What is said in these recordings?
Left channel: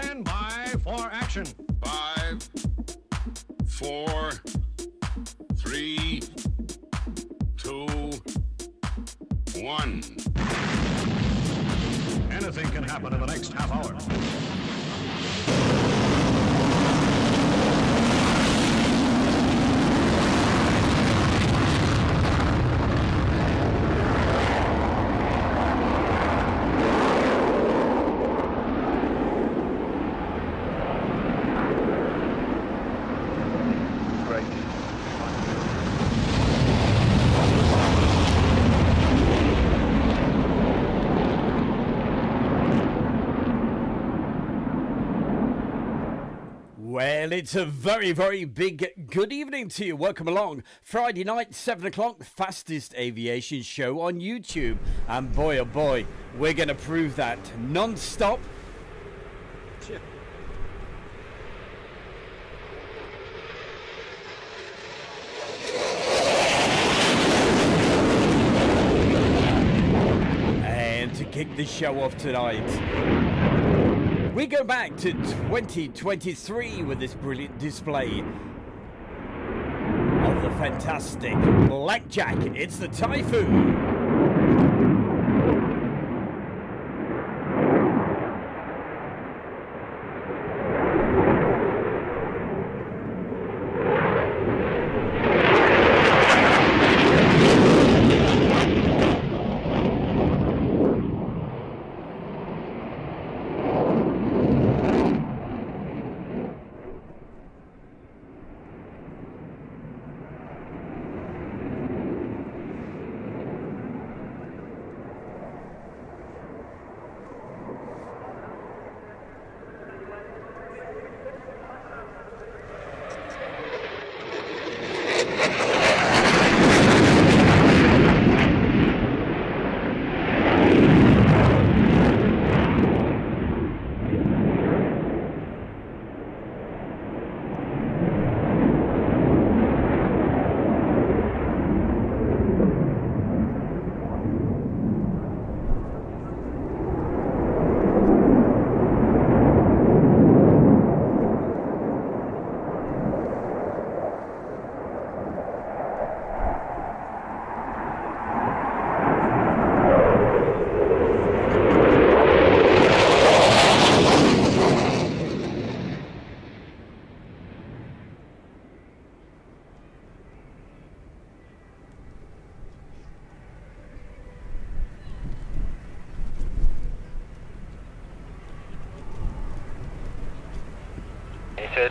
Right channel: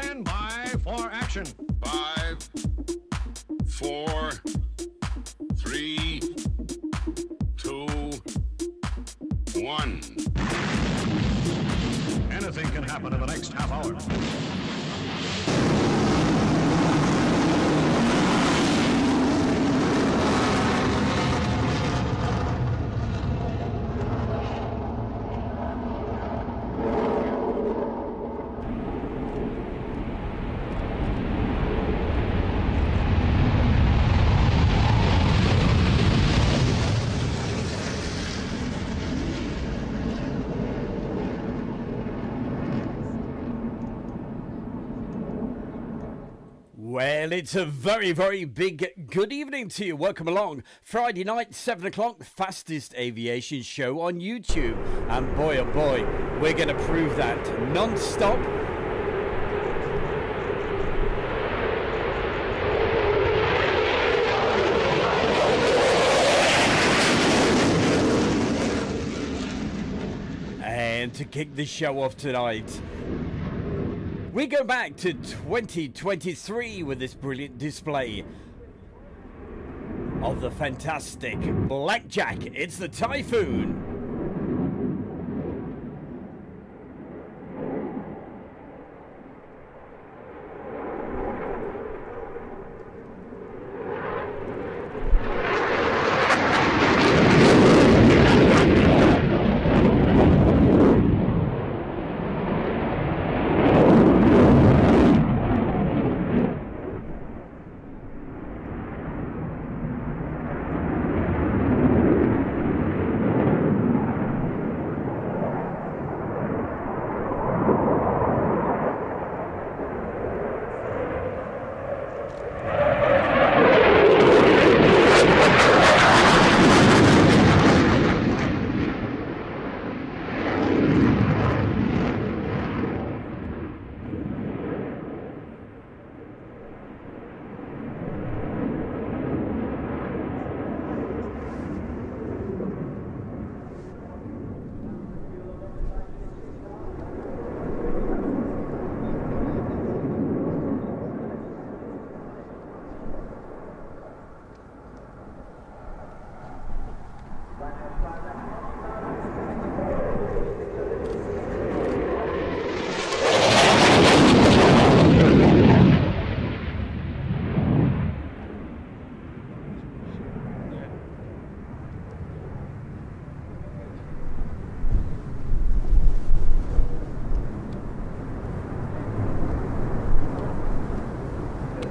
Stand by for action. 5, 4, 3, 2, 1. Anything can happen in the next half hour. Well, it's a very, very big good evening to you. Welcome along. Friday night, 7 o'clock, fastest aviation show on YouTube. And boy, oh boy, we're going to prove that non-stop. And to kick the show off tonight, we go back to 2023 with this brilliant display of the fantastic Blackjack. It's the Typhoon.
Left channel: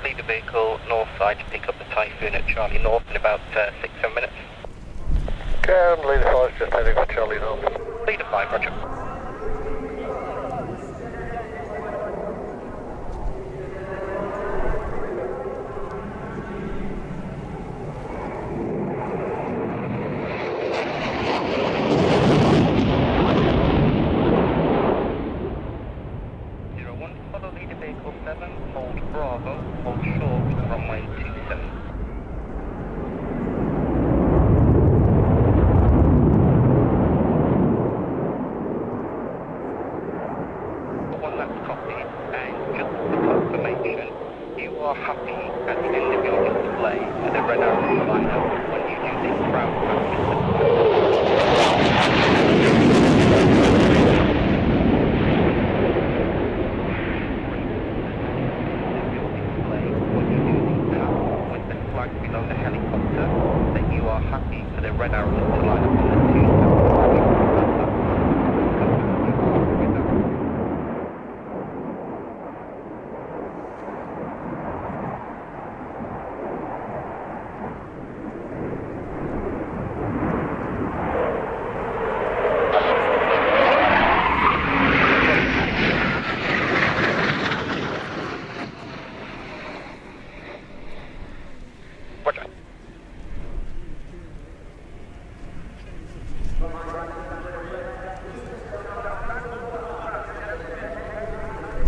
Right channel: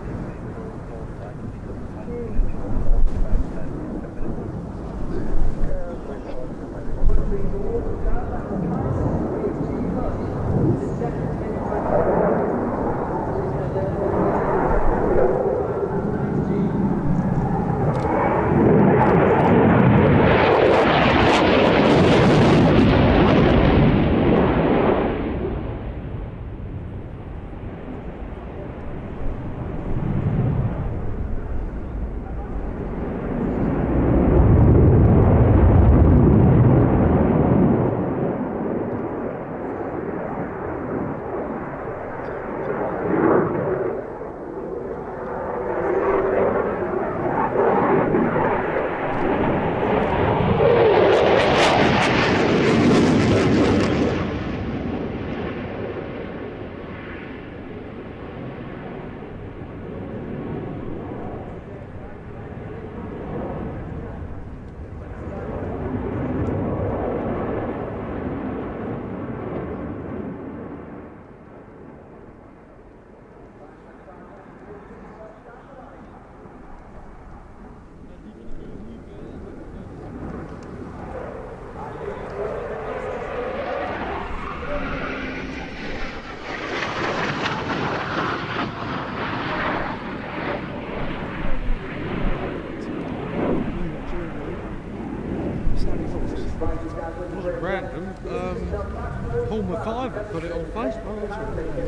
Lead the vehicle north side to pick up the Typhoon at Charlie North in about 6-7 minutes. Can lead 5 just heading for Charlie North. Lead 5, roger.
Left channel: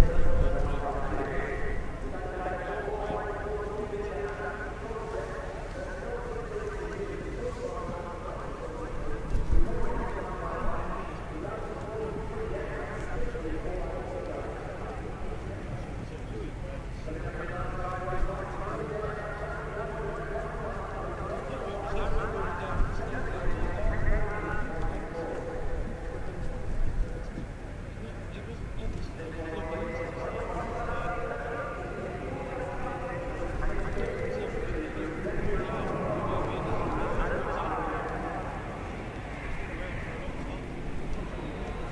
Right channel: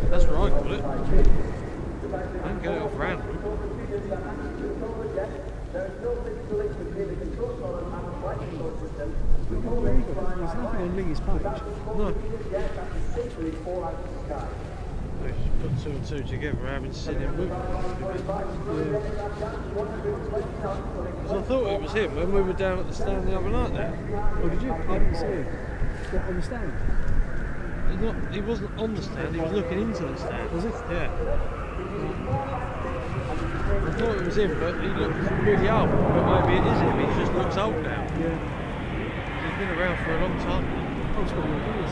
That's where I put it. Don't get it off random. There's nothing on Lee's page. No. put two and two together, having seen him with them. So I thought it was him when we were down at the stand the other night there. Oh, did you? I didn't see him. What, on the stand? He wasn't on the stand, he was looking into the stand. Was it? Yeah. I thought it was him, but he looked really old. But maybe it is him, he just looks old now. Yeah. He's been around for a long time. Oh, it's got more years.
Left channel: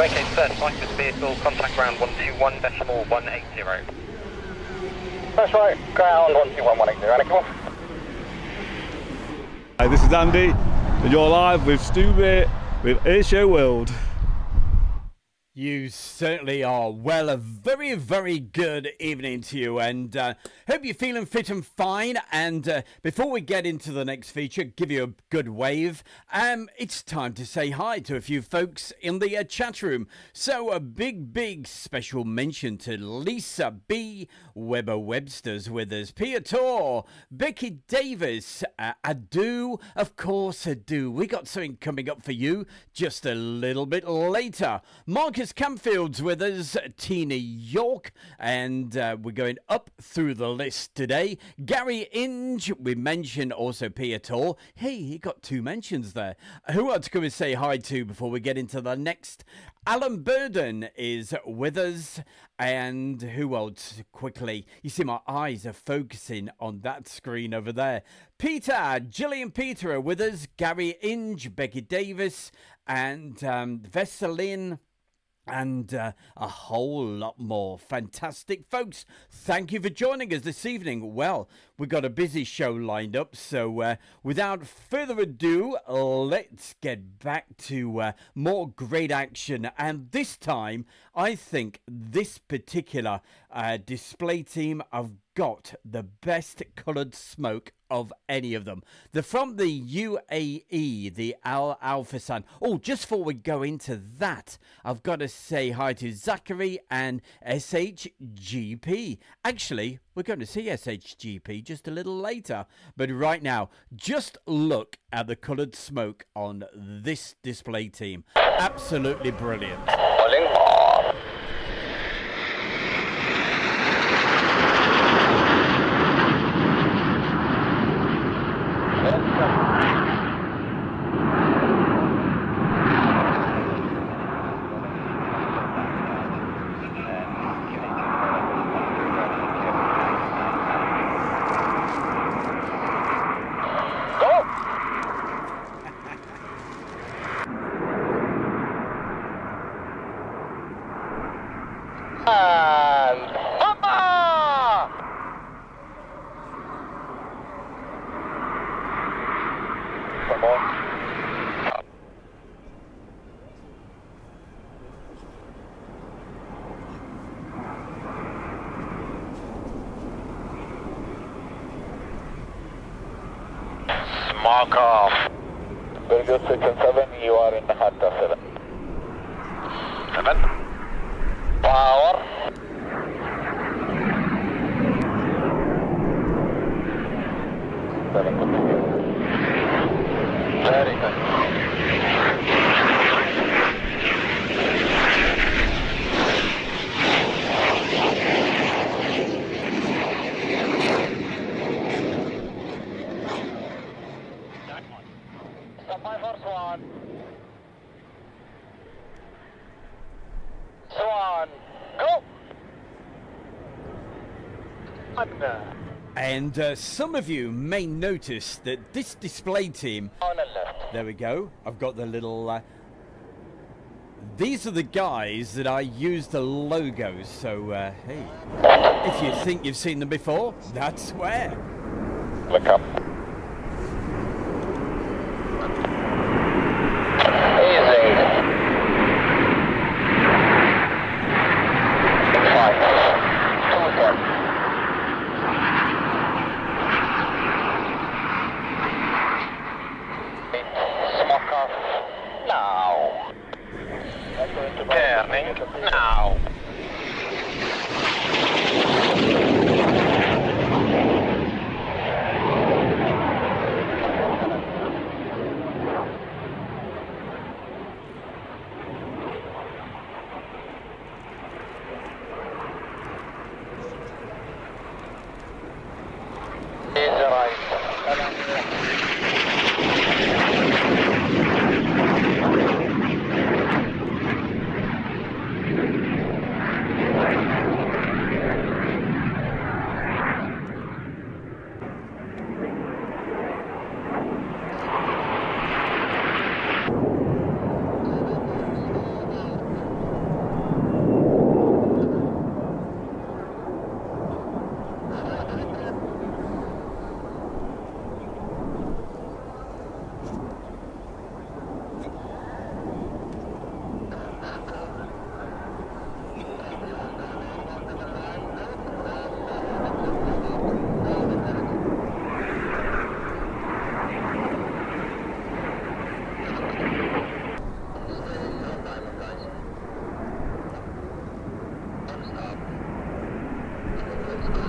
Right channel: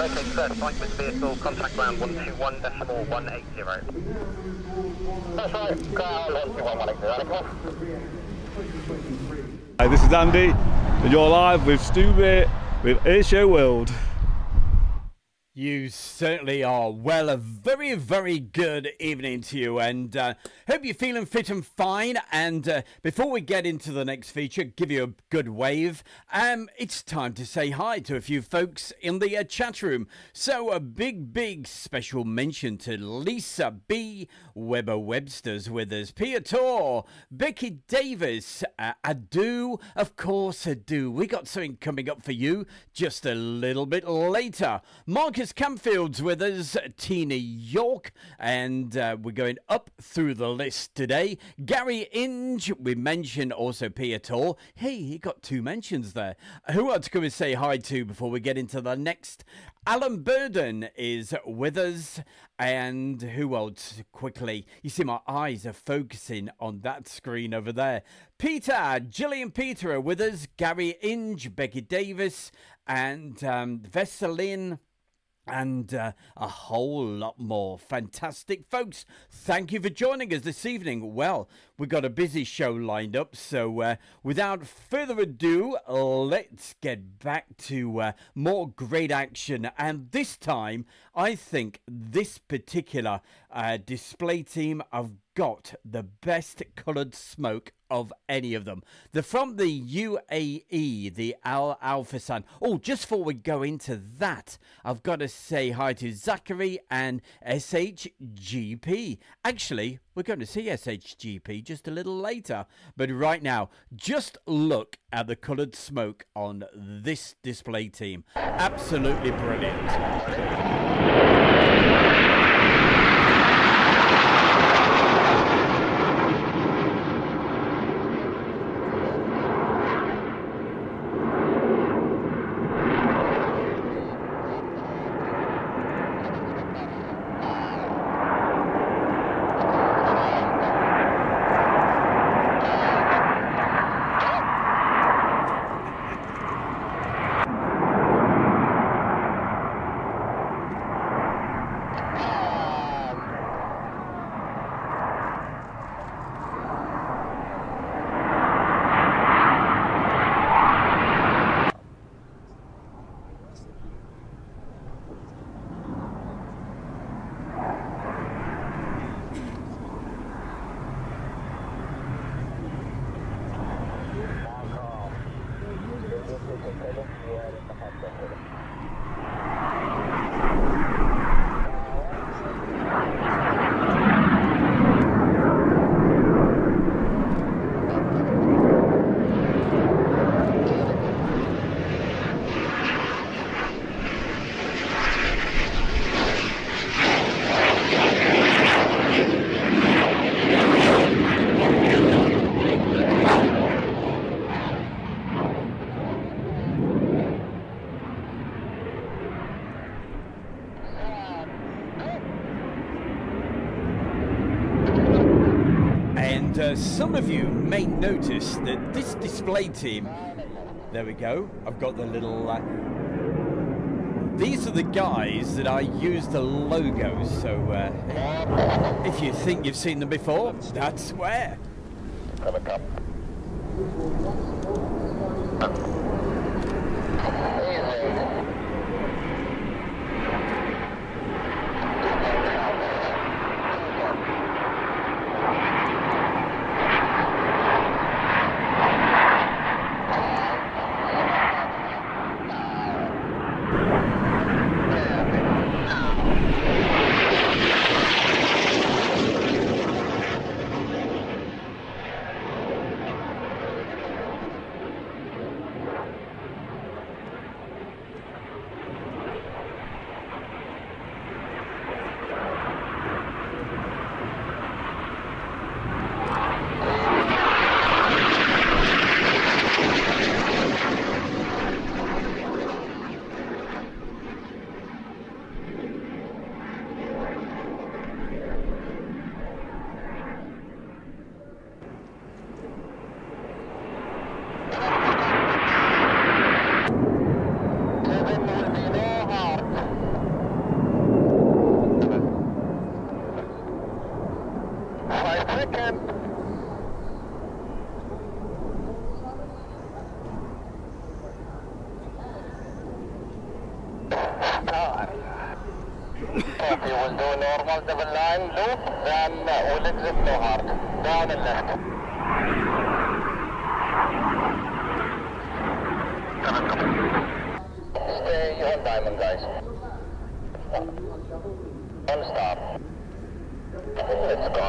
Okay, sir, flight with vehicle, contact ground 121.180. That's right, ground 121,180, come on. Hi, this is Andy, and you're live with Stu Bit with Airshow World. You certainly are. Well, a very, very good evening to you, and hope you're feeling fit and fine. And before we get into the next feature, give you a good wave. It's time to say hi to a few folks in the chat room. So a big special mention to Lisa B, Weber Webster's with us, Pia Tor, Becky Davis, Adu, of course Adu. We got something coming up for you just a little bit later. Marcus Campfield's with us, Tina York, and we're going up through the list today. Gary Inge, we mentioned also Piator. Hey, he got 2 mentions there. Who else can we say hi to before we get into the next? Alan Burden is with us, and who else quickly? You see my eyes are focusing on that screen over there. Peter, Gillian Peter are with us, Gary Inge, Becky Davis, and Veselin and a whole lot more. Fantastic, folks. Thank you for joining us this evening. Well, we've got a busy show lined up, so without further ado, let's get back to more great action. And this time, I think this particular display team have got the best coloured smoke of any of them. They're from the UAE, the Al Alphasan. Oh, just before we go into that, I've got to say hi to Zachary and SHGP. Actually, we're going to see SHGP just a little later, but right now, just look at the coloured smoke on this display team. Absolutely brilliant. Mark off. Very good, 6 and 7, you are in the hot tub, 7. 7. Power. Very good. Very good. And some of you may notice that this display team, there we go, I've got the little, these are the guys that I use the logos, so hey, if you think you've seen them before, that's where. Welcome. Easy. 5. 2 We will do normal double line loop, then we'll exit no hard. Down and left. Stay on diamond, guys. On stop. Let's go.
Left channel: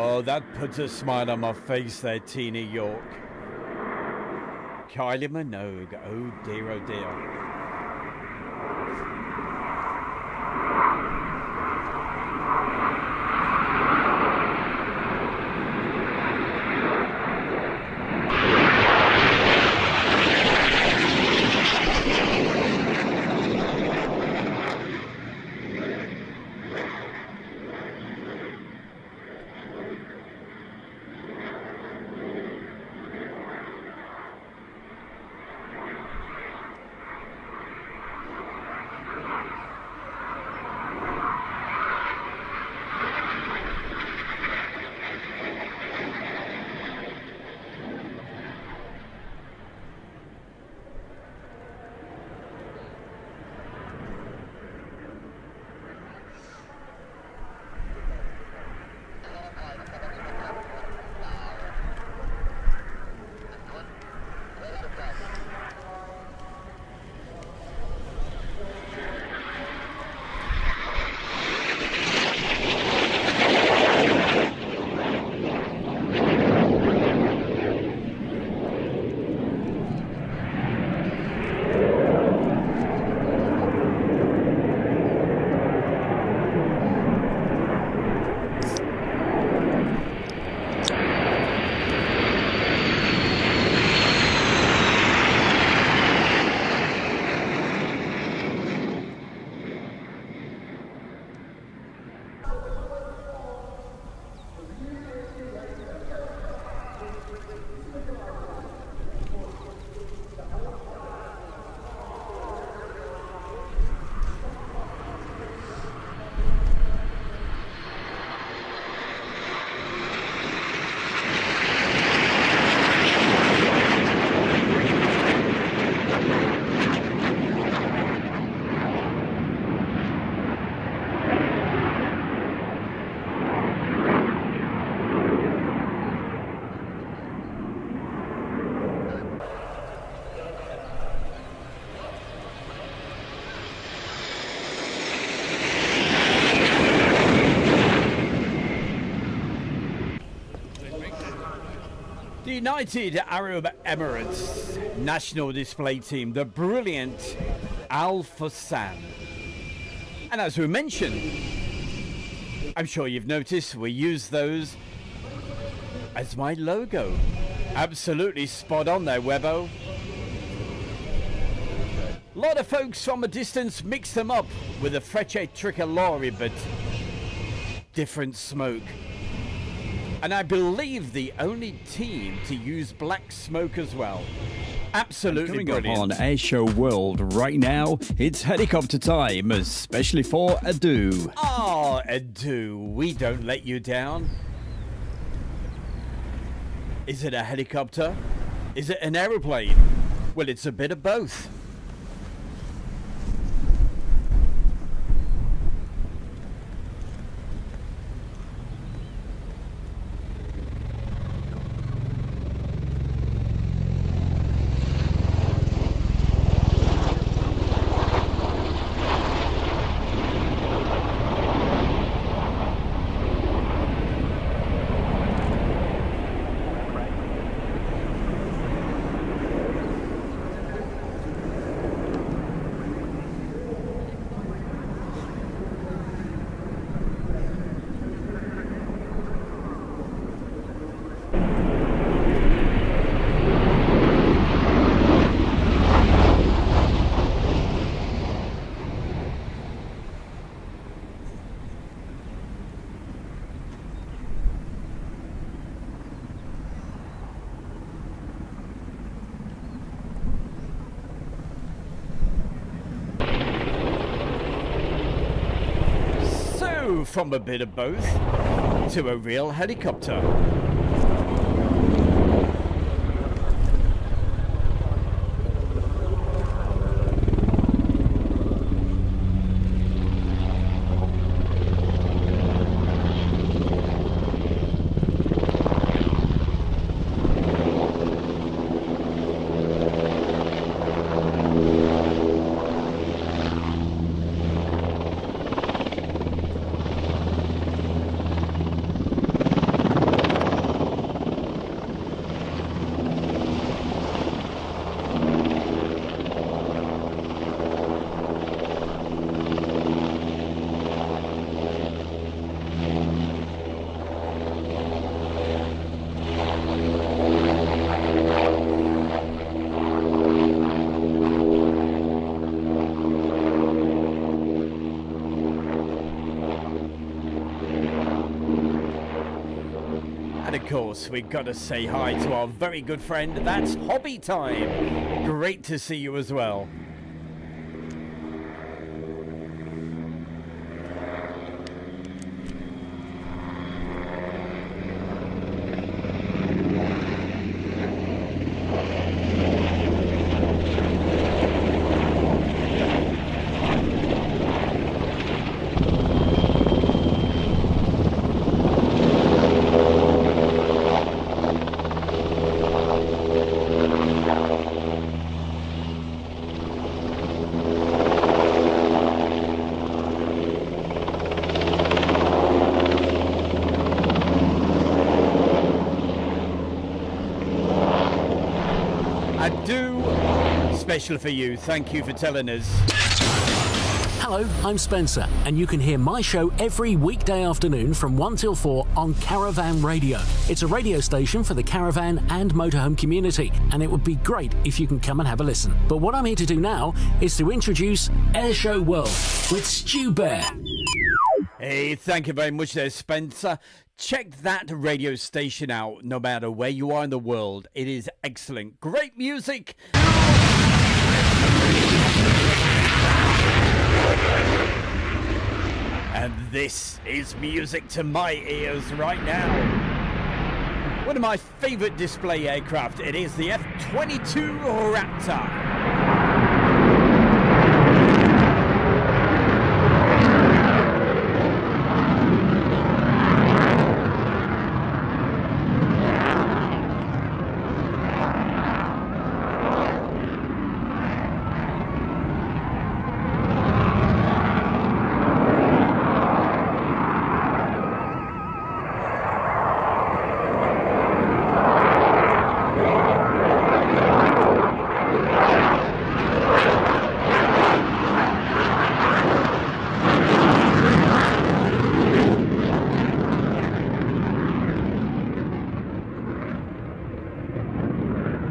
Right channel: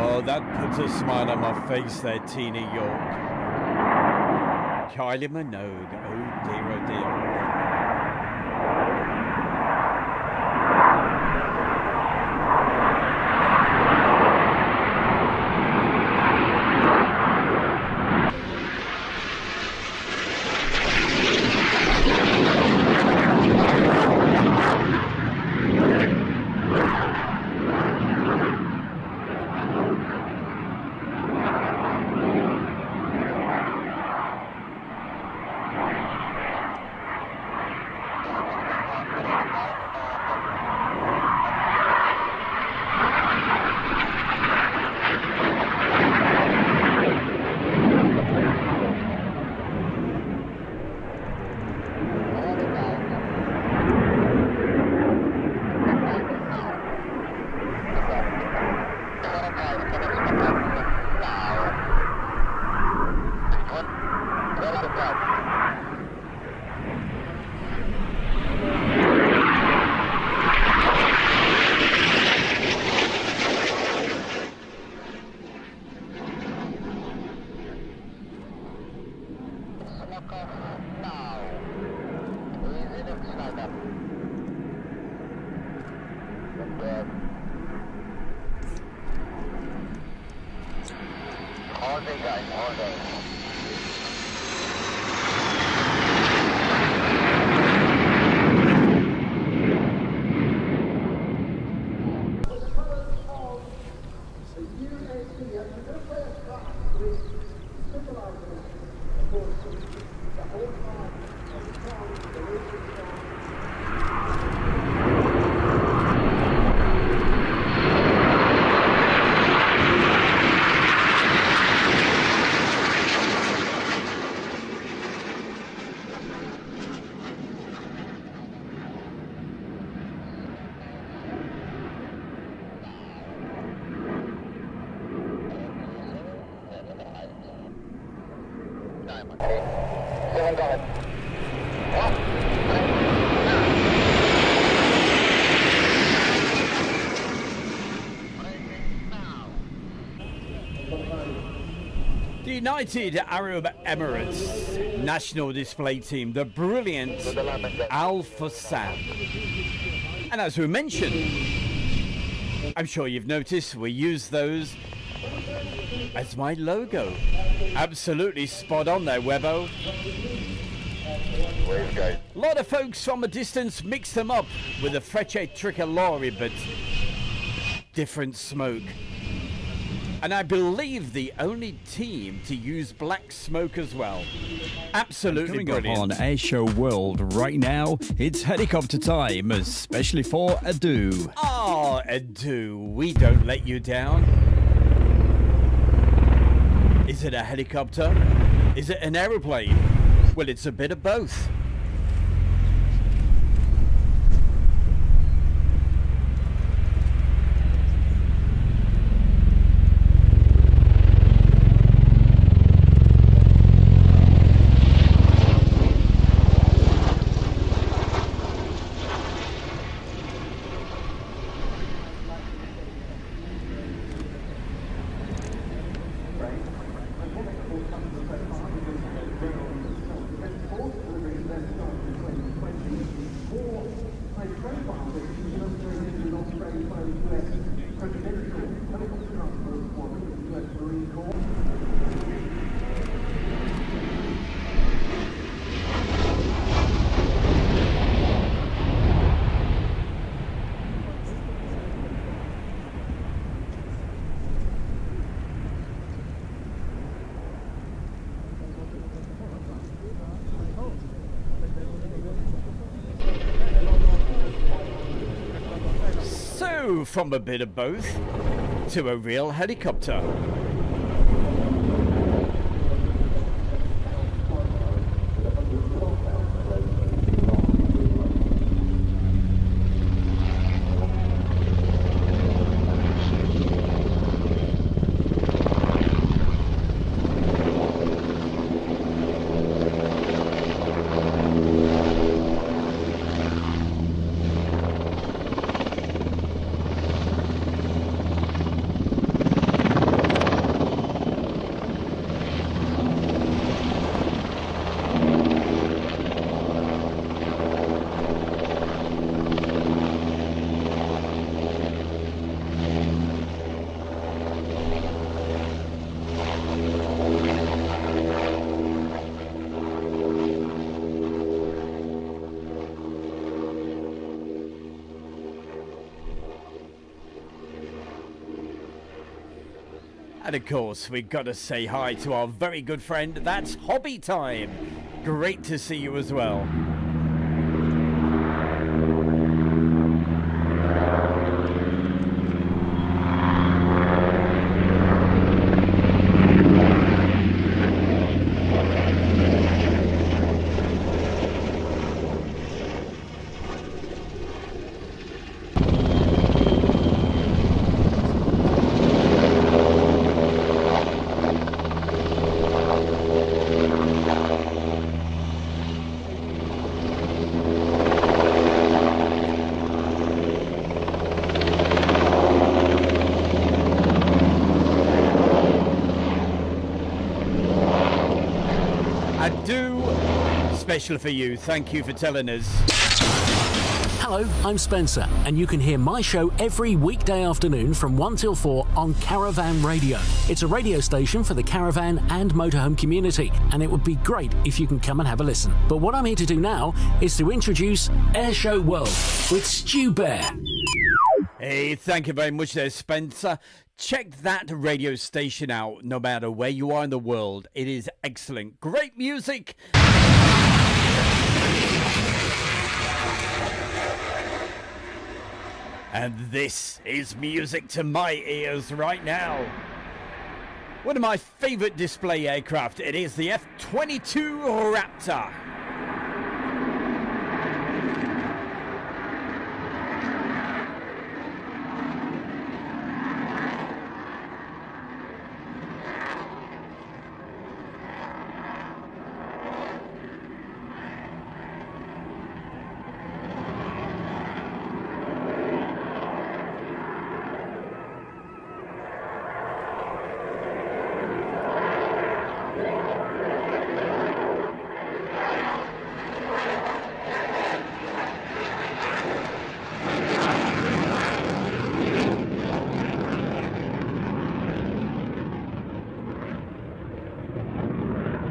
Oh, that puts a smile on my face there, Tina York. Kylie Minogue, oh dear, oh dear. The United Arab Emirates national display team, the brilliant Al Fussan. And as we mentioned, I'm sure you've noticed we use those as my logo. Absolutely spot on there, Webbo. A lot of folks from a distance mix them up with a Frecce Tricolore, but different smoke. And I believe the only team to use black smoke as well. Absolutely coming brilliant. Up on Airshow World right now, it's helicopter time, especially for Adu. Oh, Adu, we don't let you down. Is it a helicopter? Is it an aeroplane? Well, it's a bit of both. From a bit of both to a real helicopter. And of course, we've got to say hi to our very good friend. That's Hobby Time. Great to see you as well. Special for you. Thank you for telling us. Hello, I'm Spencer, and you can hear my show every weekday afternoon from 1 till 4 on Caravan Radio. It's a radio station for the caravan and motorhome community, and it would be great if you can come and have a listen. But what I'm here to do now is to introduce Airshow World with Stu Bear. Hey, thank you very much there, Spencer. Check that radio station out, no matter where you are in the world. It is excellent. Great music. And this is music to my ears right now. One of my favorite display aircraft. It is the F-22 Raptor.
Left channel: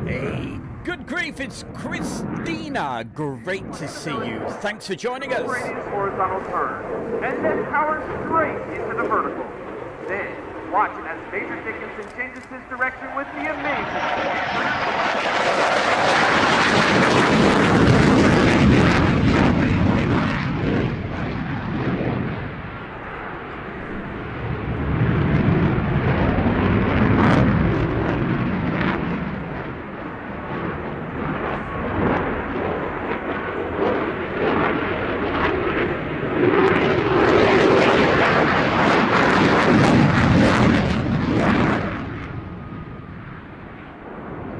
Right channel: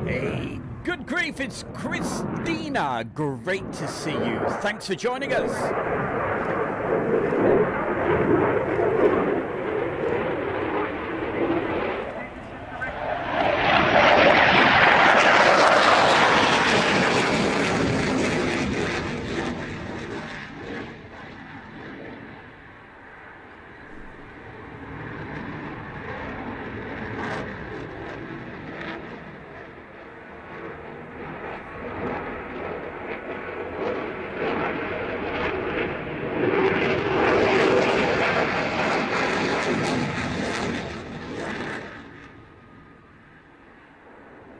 Hey, good grief, it's Christina. Great to see you. Thanks for joining us. Horizontal turn. And then power straight into the vertical. Then, watch as the major station changes his direction with the aviation.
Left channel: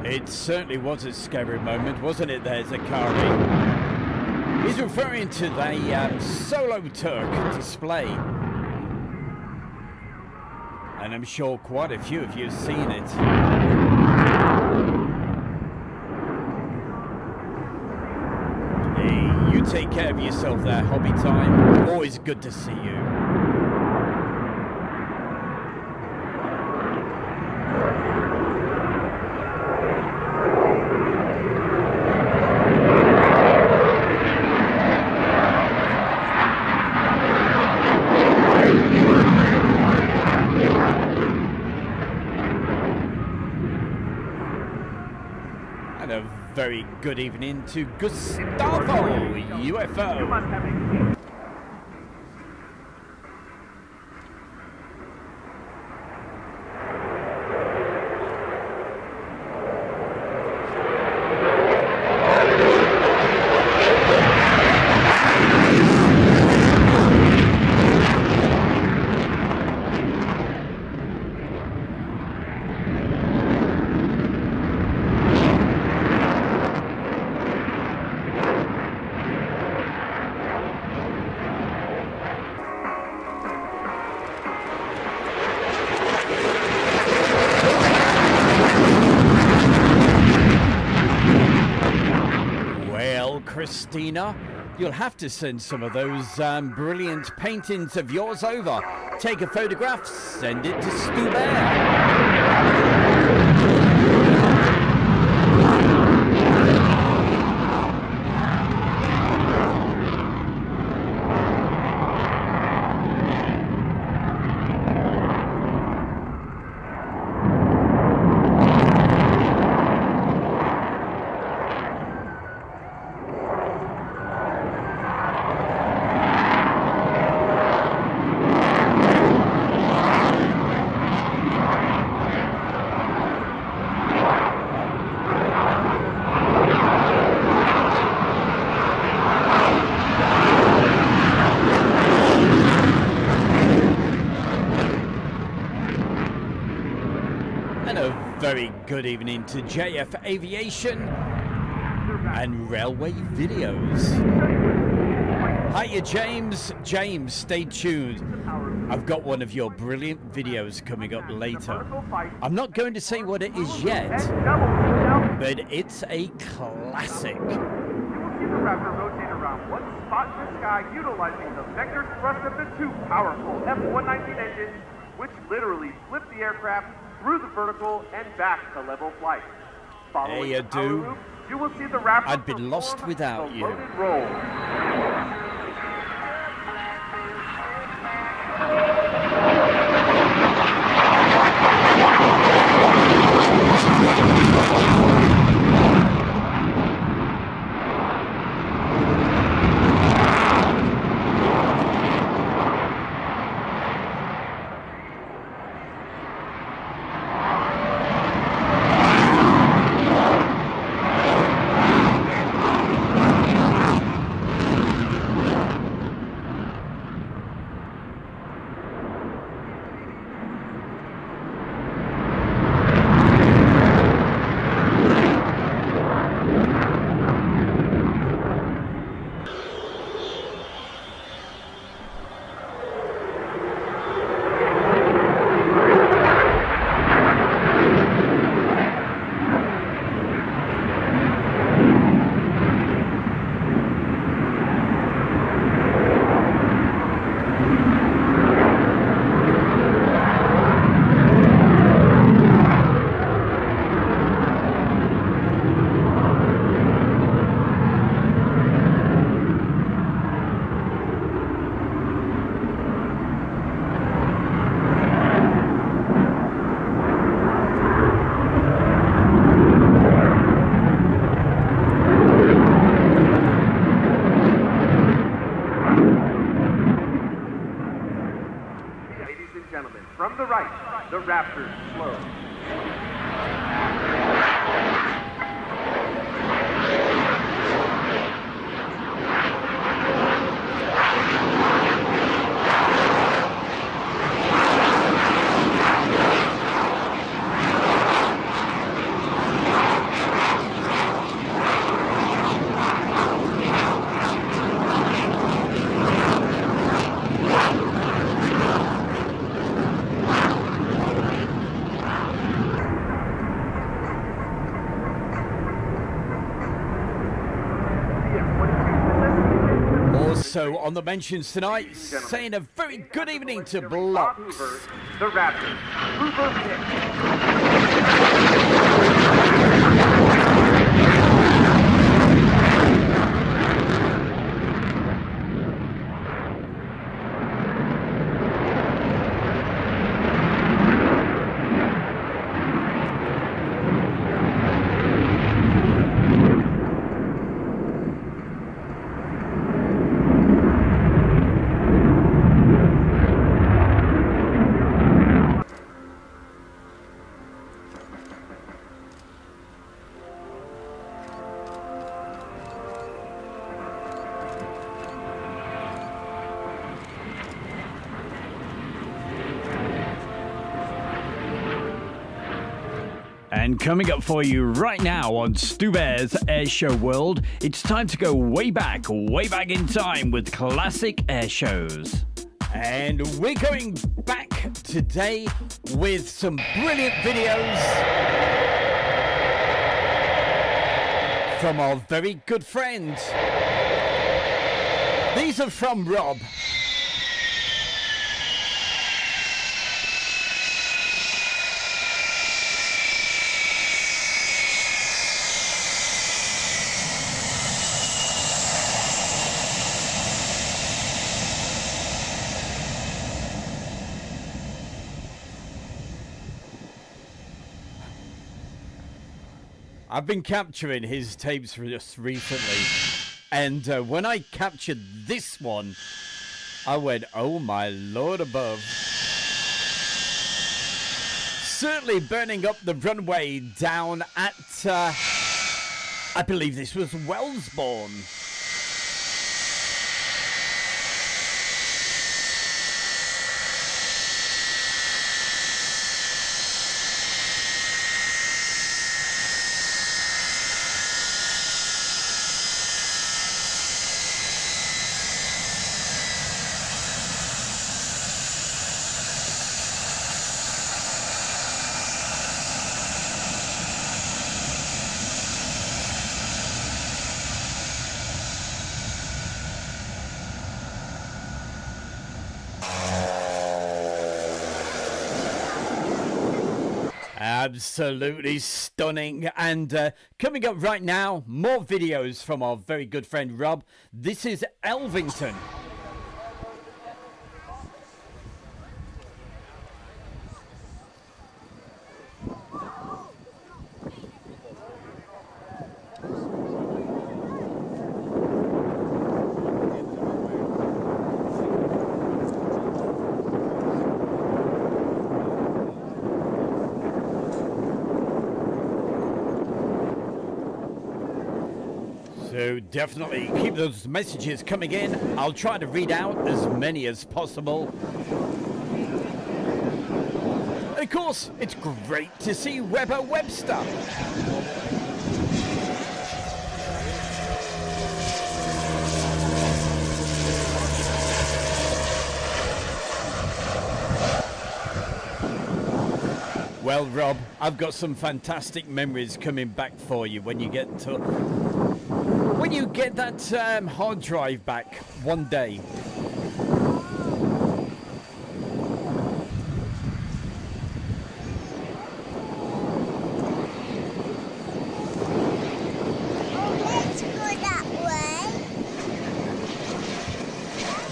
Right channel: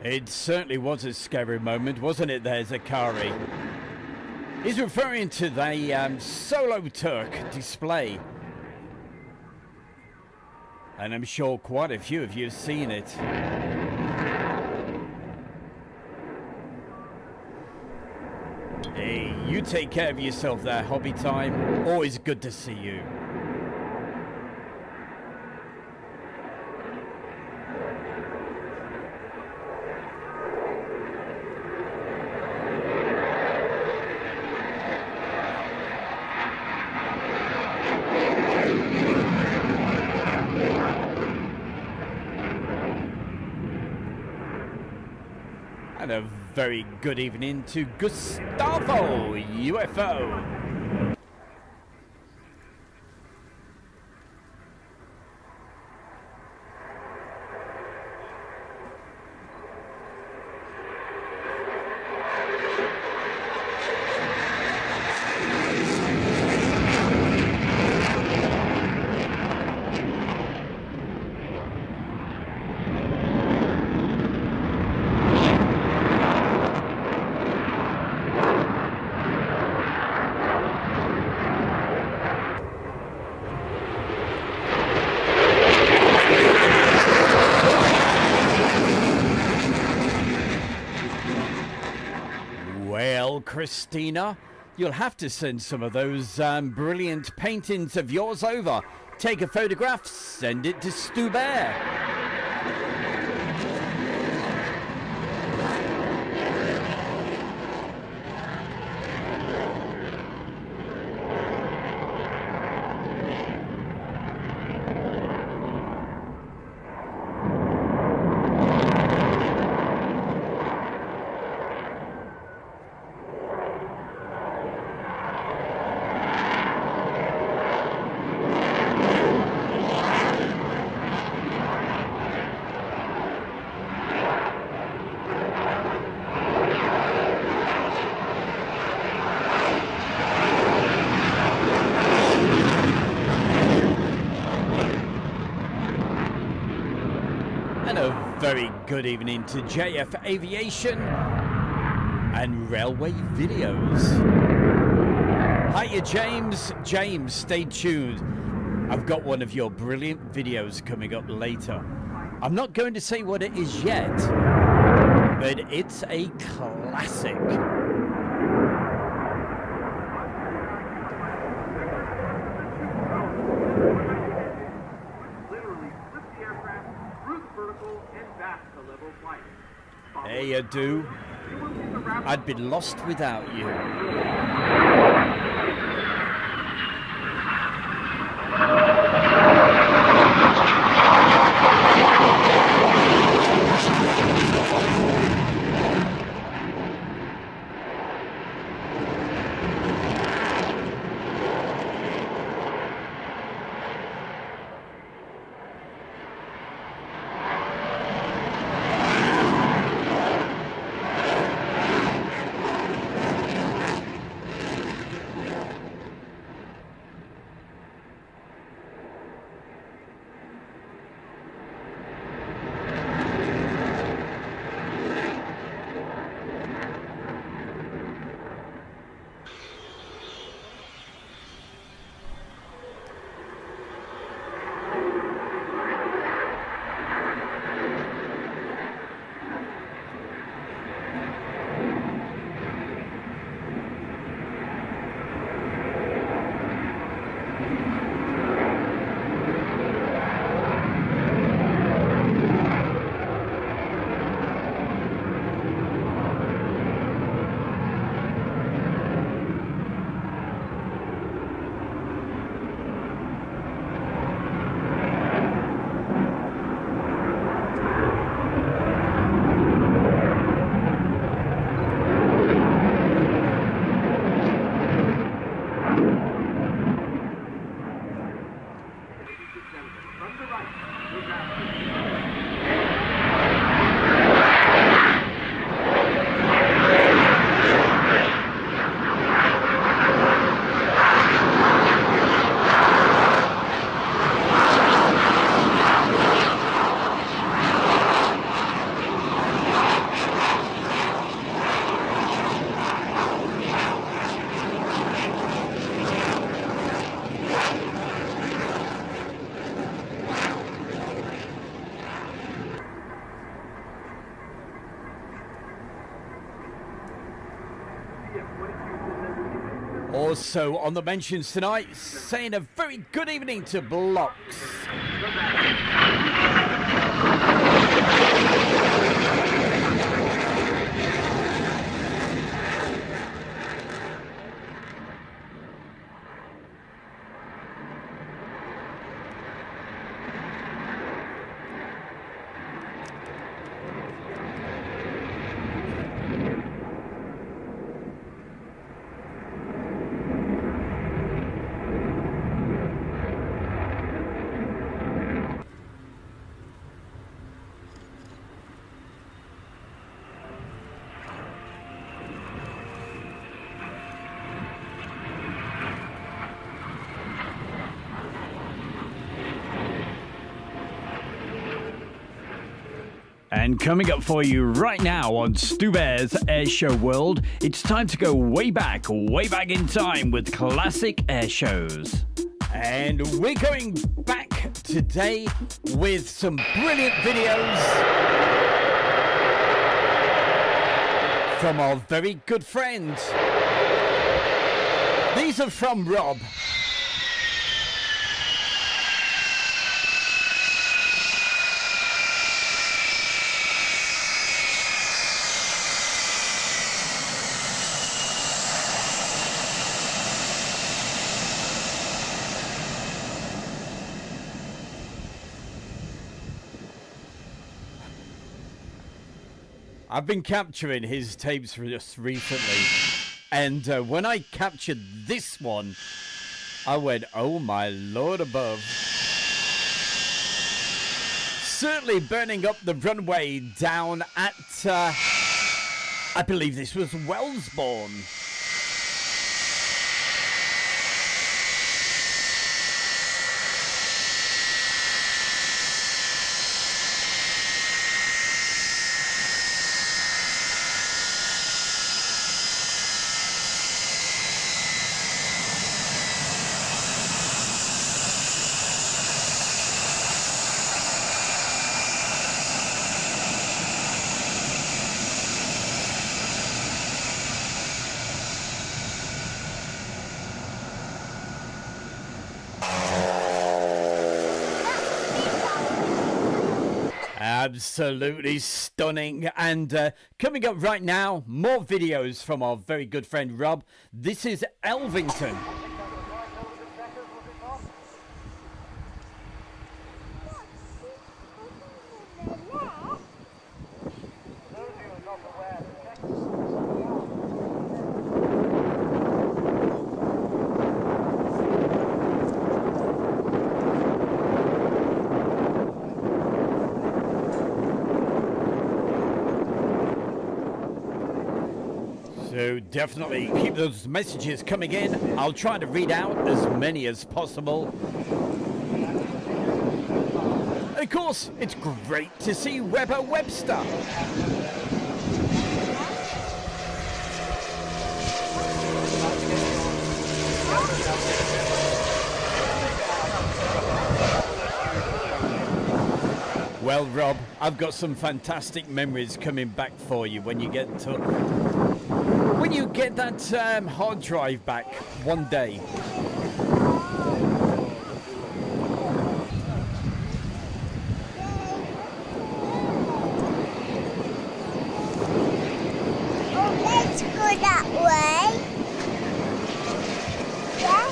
It certainly was a scary moment, wasn't it there, Zakari? He's referring to the Solo Turk display. And I'm sure quite a few of you have seen it. Hey, you take care of yourself there, Hobby Time. Always good to see you. And a very good evening to Gustavo UFO. Christina, you'll have to send some of those brilliant paintings of yours over. Take a photograph, send it to Stu Bear. Very good evening to JF Aviation and Railway Videos. Hiya, James. James, stay tuned. I've got one of your brilliant videos coming up later. I'm not going to say what it is yet, but it's a classic. Utilizing the vector thrust of the two powerful F-119 engines, which literally flip the aircraft through the vertical and back to level flight. Hey, I do. I'd be lost without you. Also on the mentions tonight, saying a very good evening to Blocks. The Raptor. And coming up for you right now on Stu Bear's Airshow World, it's time to go way back in time with classic air shows. And we're going back today with some brilliant videos from our very good friends. These are from Rob. I've been capturing his tapes just recently, and when I captured this one, I went, oh my lord above. Certainly burning up the runway down at, I believe this was Wellesbourne. Absolutely stunning. And coming up right now, more videos from our very good friend Rob. This is Elvington. So definitely keep those messages coming in. I'll try to read out as many as possible. And of course, it's great to see Weber Webster. Well, Rob, I've got some fantastic memories coming back for you when you get to... when you get that hard drive back one day. Oh, let's go that way. Yeah?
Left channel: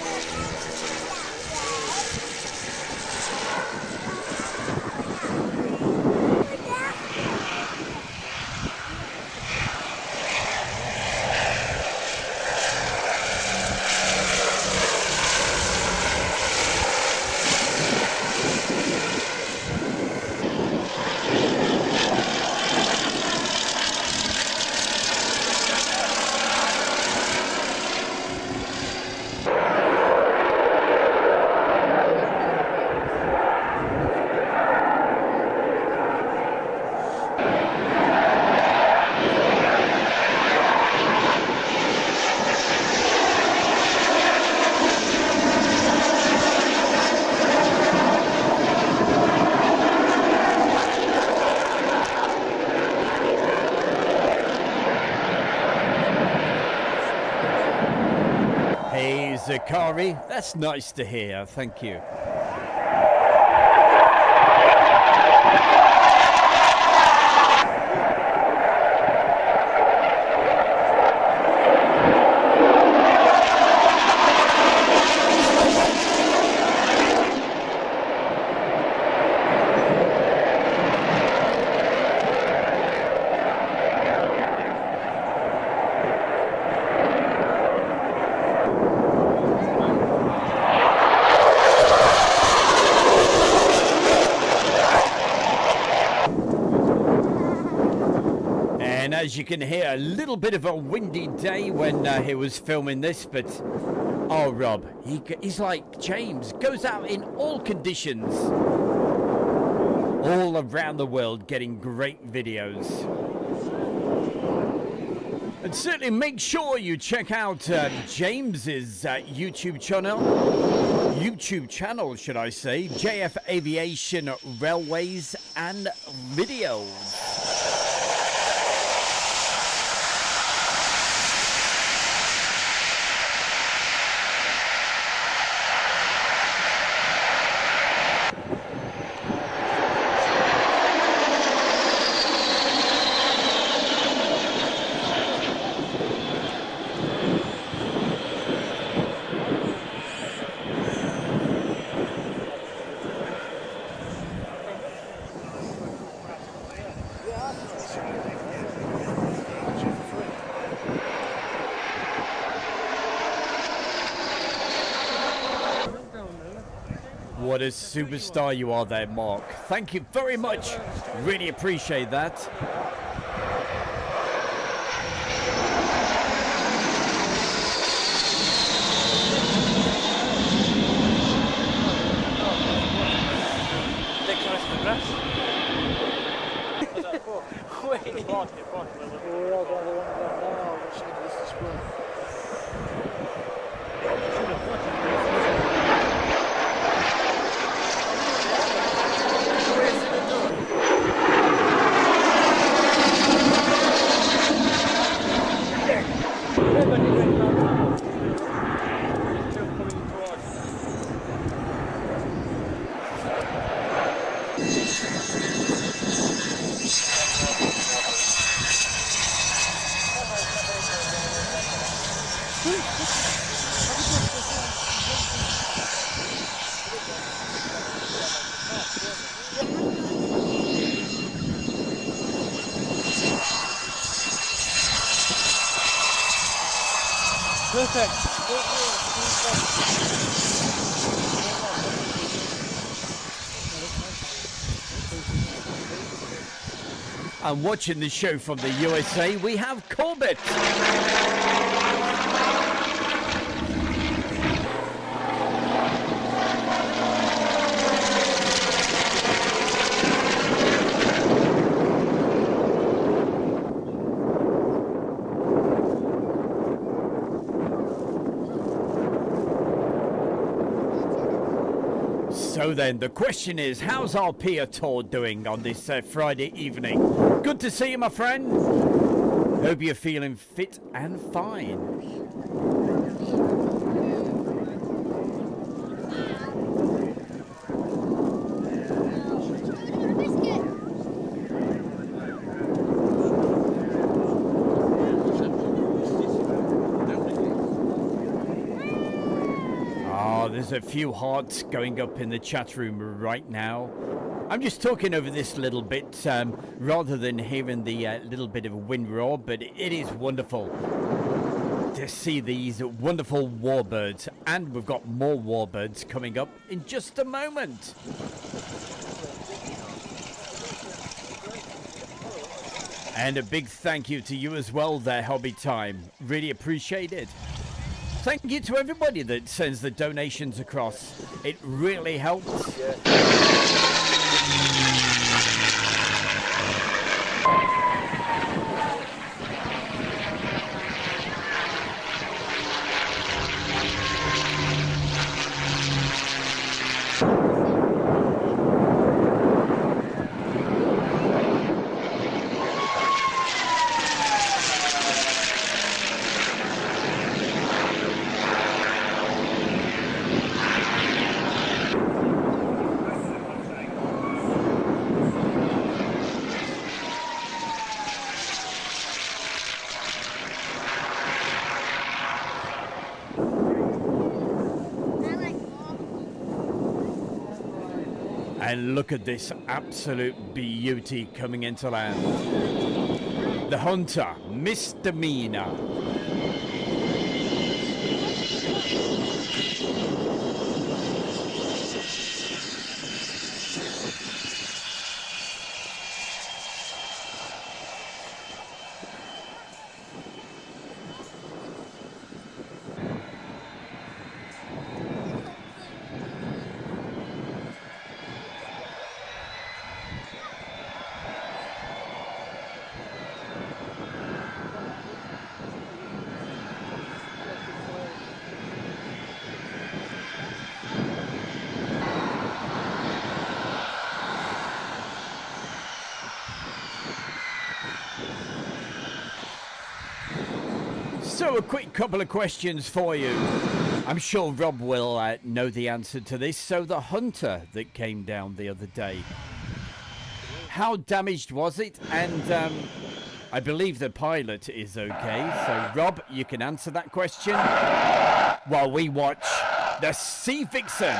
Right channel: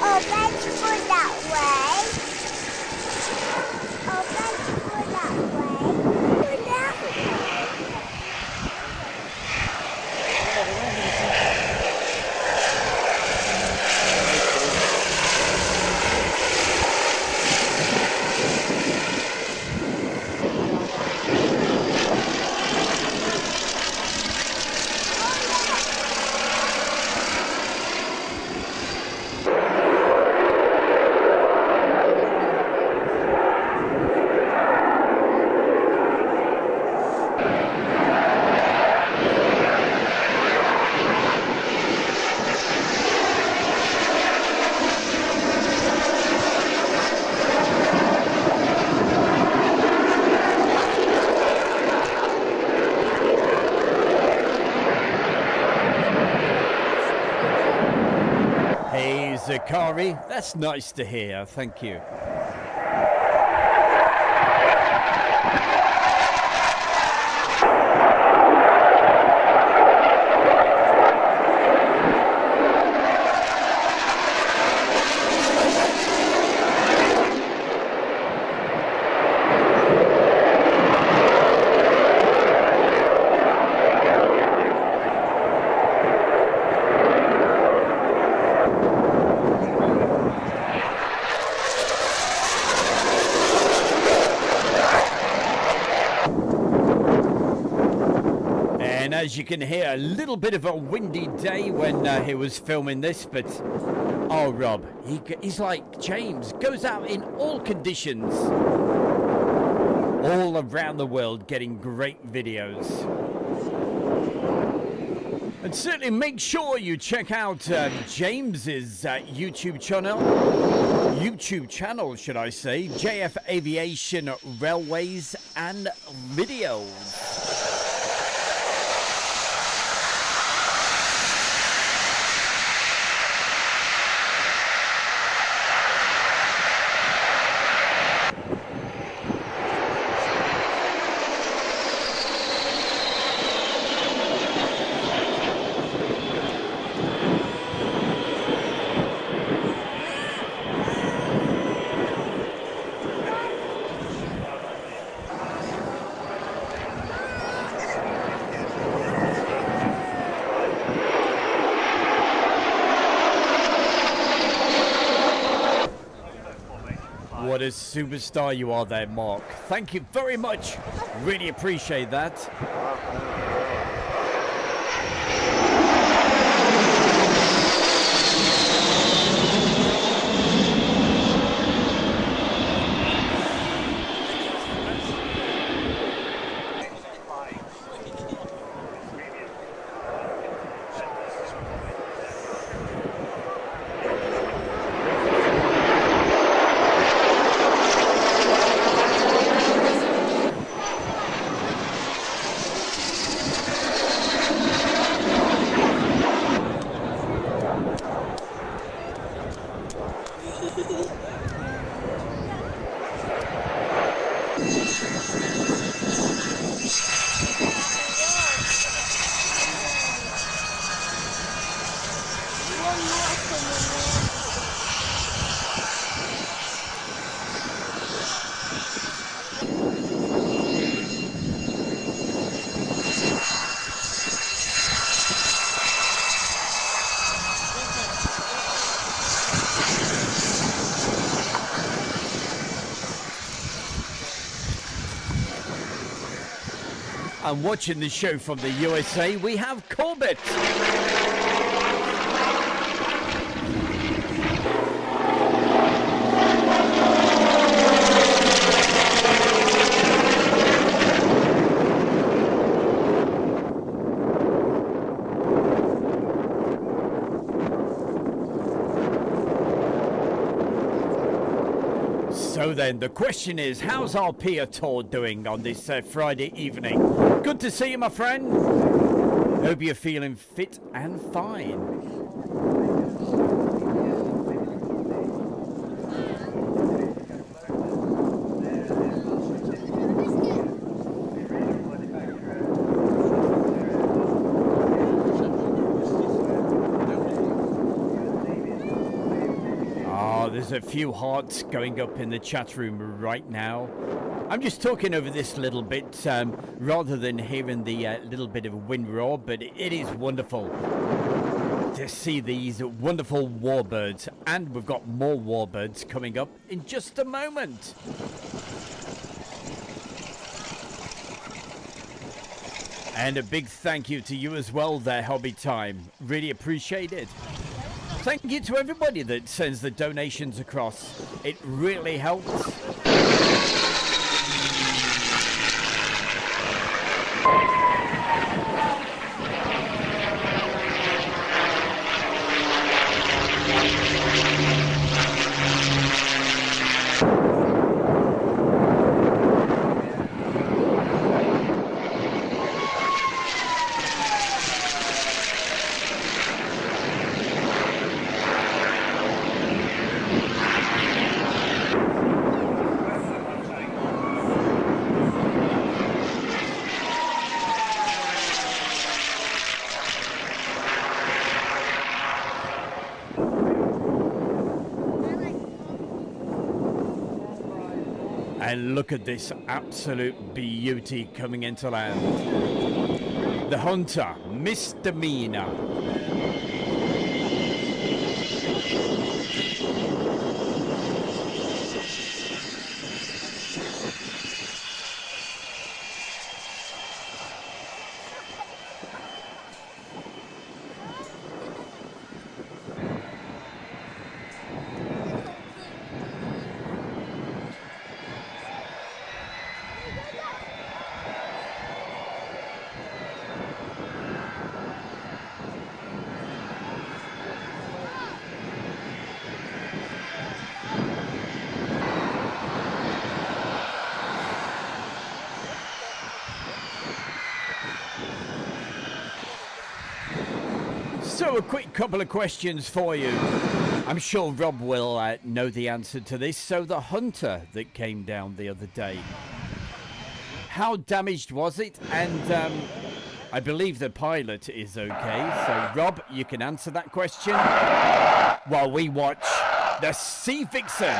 Oh, let's go that way. Oh, let's go that way. Go that way. Hey, Zakari, that's nice to hear. Thank you. And as you can hear, a little bit of a windy day when he was filming this, but oh, Rob, he's like James, goes out in all conditions, all around the world, getting great videos. And certainly make sure you check out James's YouTube channel, should I say, JF Aviation Railways and Videos. What a superstar you are there, Mark. Thank you very much. Really appreciate that. And watching the show from the USA, we have Corbett. So then, the question is, how's our Pia tour doing on this Friday evening? Good to see you, my friend. Hope you're feeling fit and fine. Oh, there's a few hearts going up in the chat room right now. I'm just talking over this little bit rather than hearing the little bit of wind roar, but it is wonderful to see these wonderful warbirds. And we've got more warbirds coming up in just a moment. And a big thank you to you as well there, Hobby Time. Really appreciate it. Thank you to everybody that sends the donations across. It really helps. And look at this absolute beauty coming into land. The Hunter Misdemeanor. So a quick couple of questions for you. I'm sure Rob will know the answer to this. So the Hunter that came down the other day, how damaged was it? And I believe the pilot is okay. So Rob, you can answer that question while we watch the Sea Vixen.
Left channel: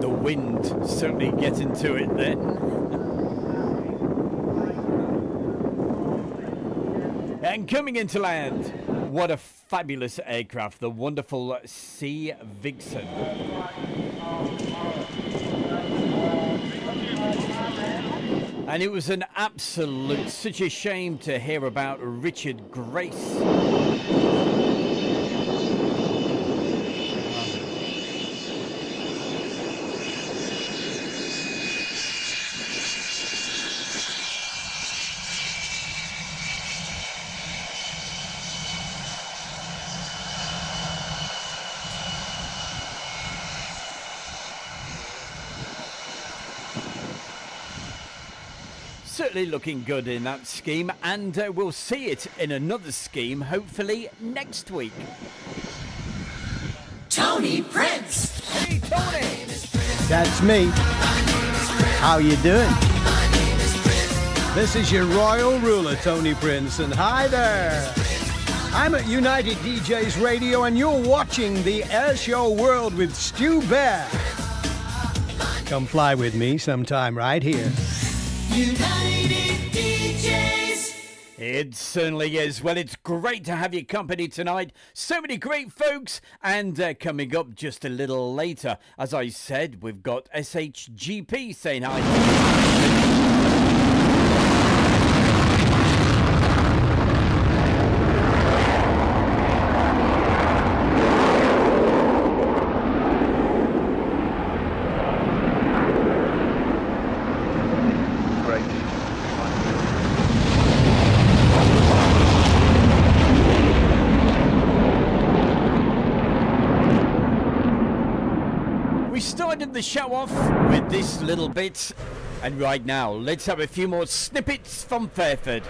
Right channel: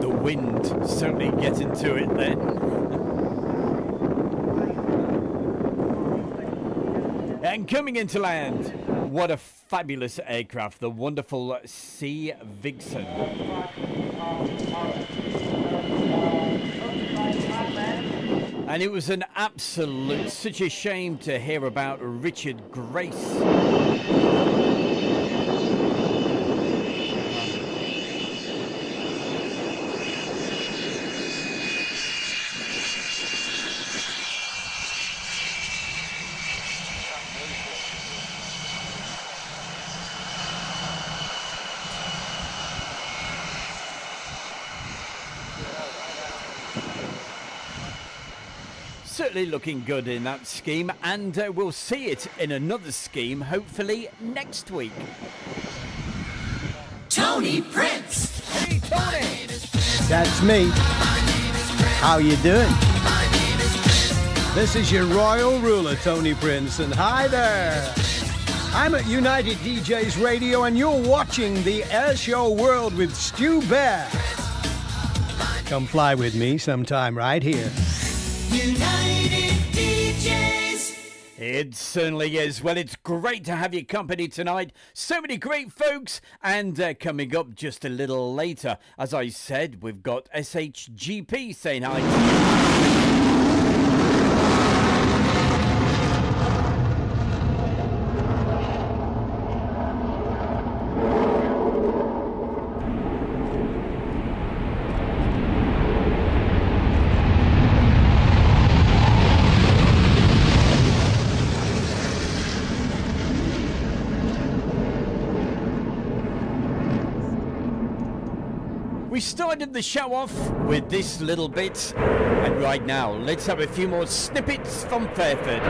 The wind certainly getting to it then. And coming into land, what a fabulous aircraft, the wonderful Sea Vixen. And it was an absolute, such a shame to hear about Richard Grace. Certainly looking good in that scheme, and we'll see it in another scheme hopefully next week. Tony Prince. Hey Tony. That's me. How you doing? This is your royal ruler, Tony Prince, and hi there. I'm at United DJs Radio, and you're watching the Air Show World with Stu Bear. Come fly with me sometime right here. United DJs. It certainly is. Well, it's great to have your company tonight. So many great folks. And coming up just a little later, as I said, we've got SHGP saying hi to you. started the show off with this little bit, and right now, let's have a few more snippets from Fairford.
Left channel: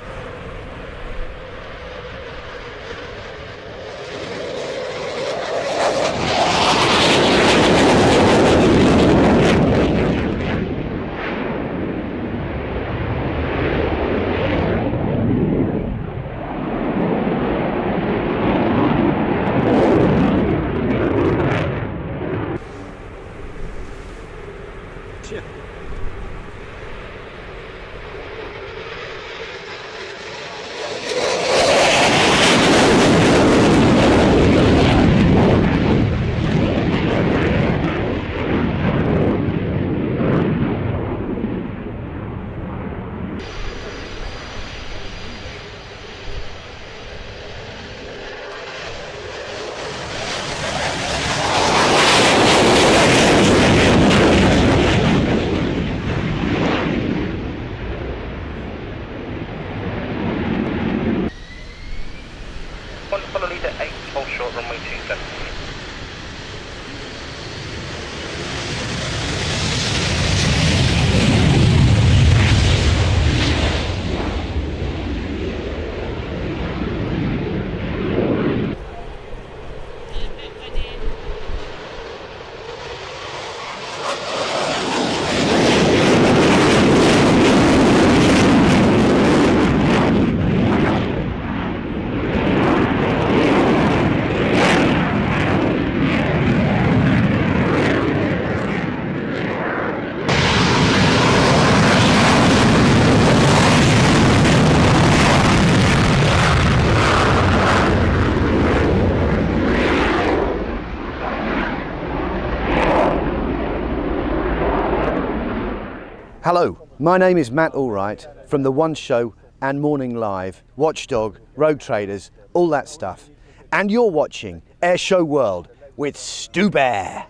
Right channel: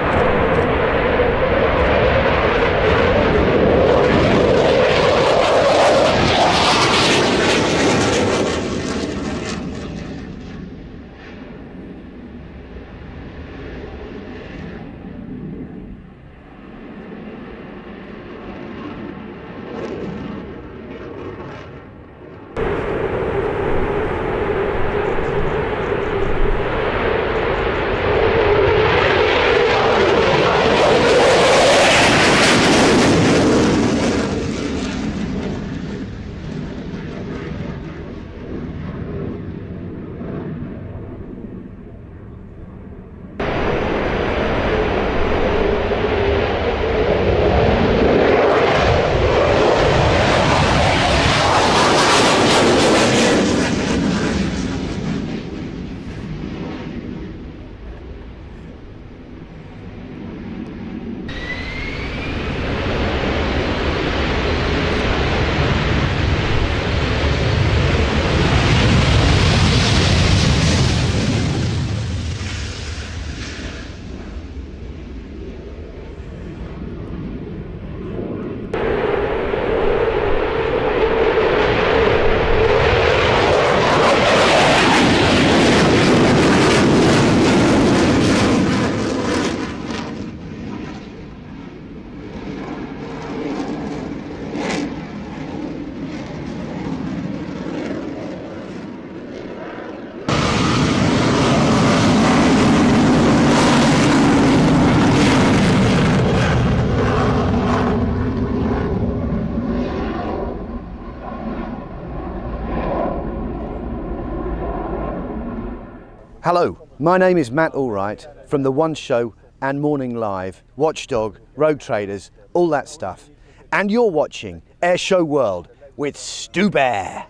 Hello, my name is Matt Allwright from The One Show and Morning Live, Watchdog, Road Traders, all that stuff. And you're watching Airshow World with Stu Bear.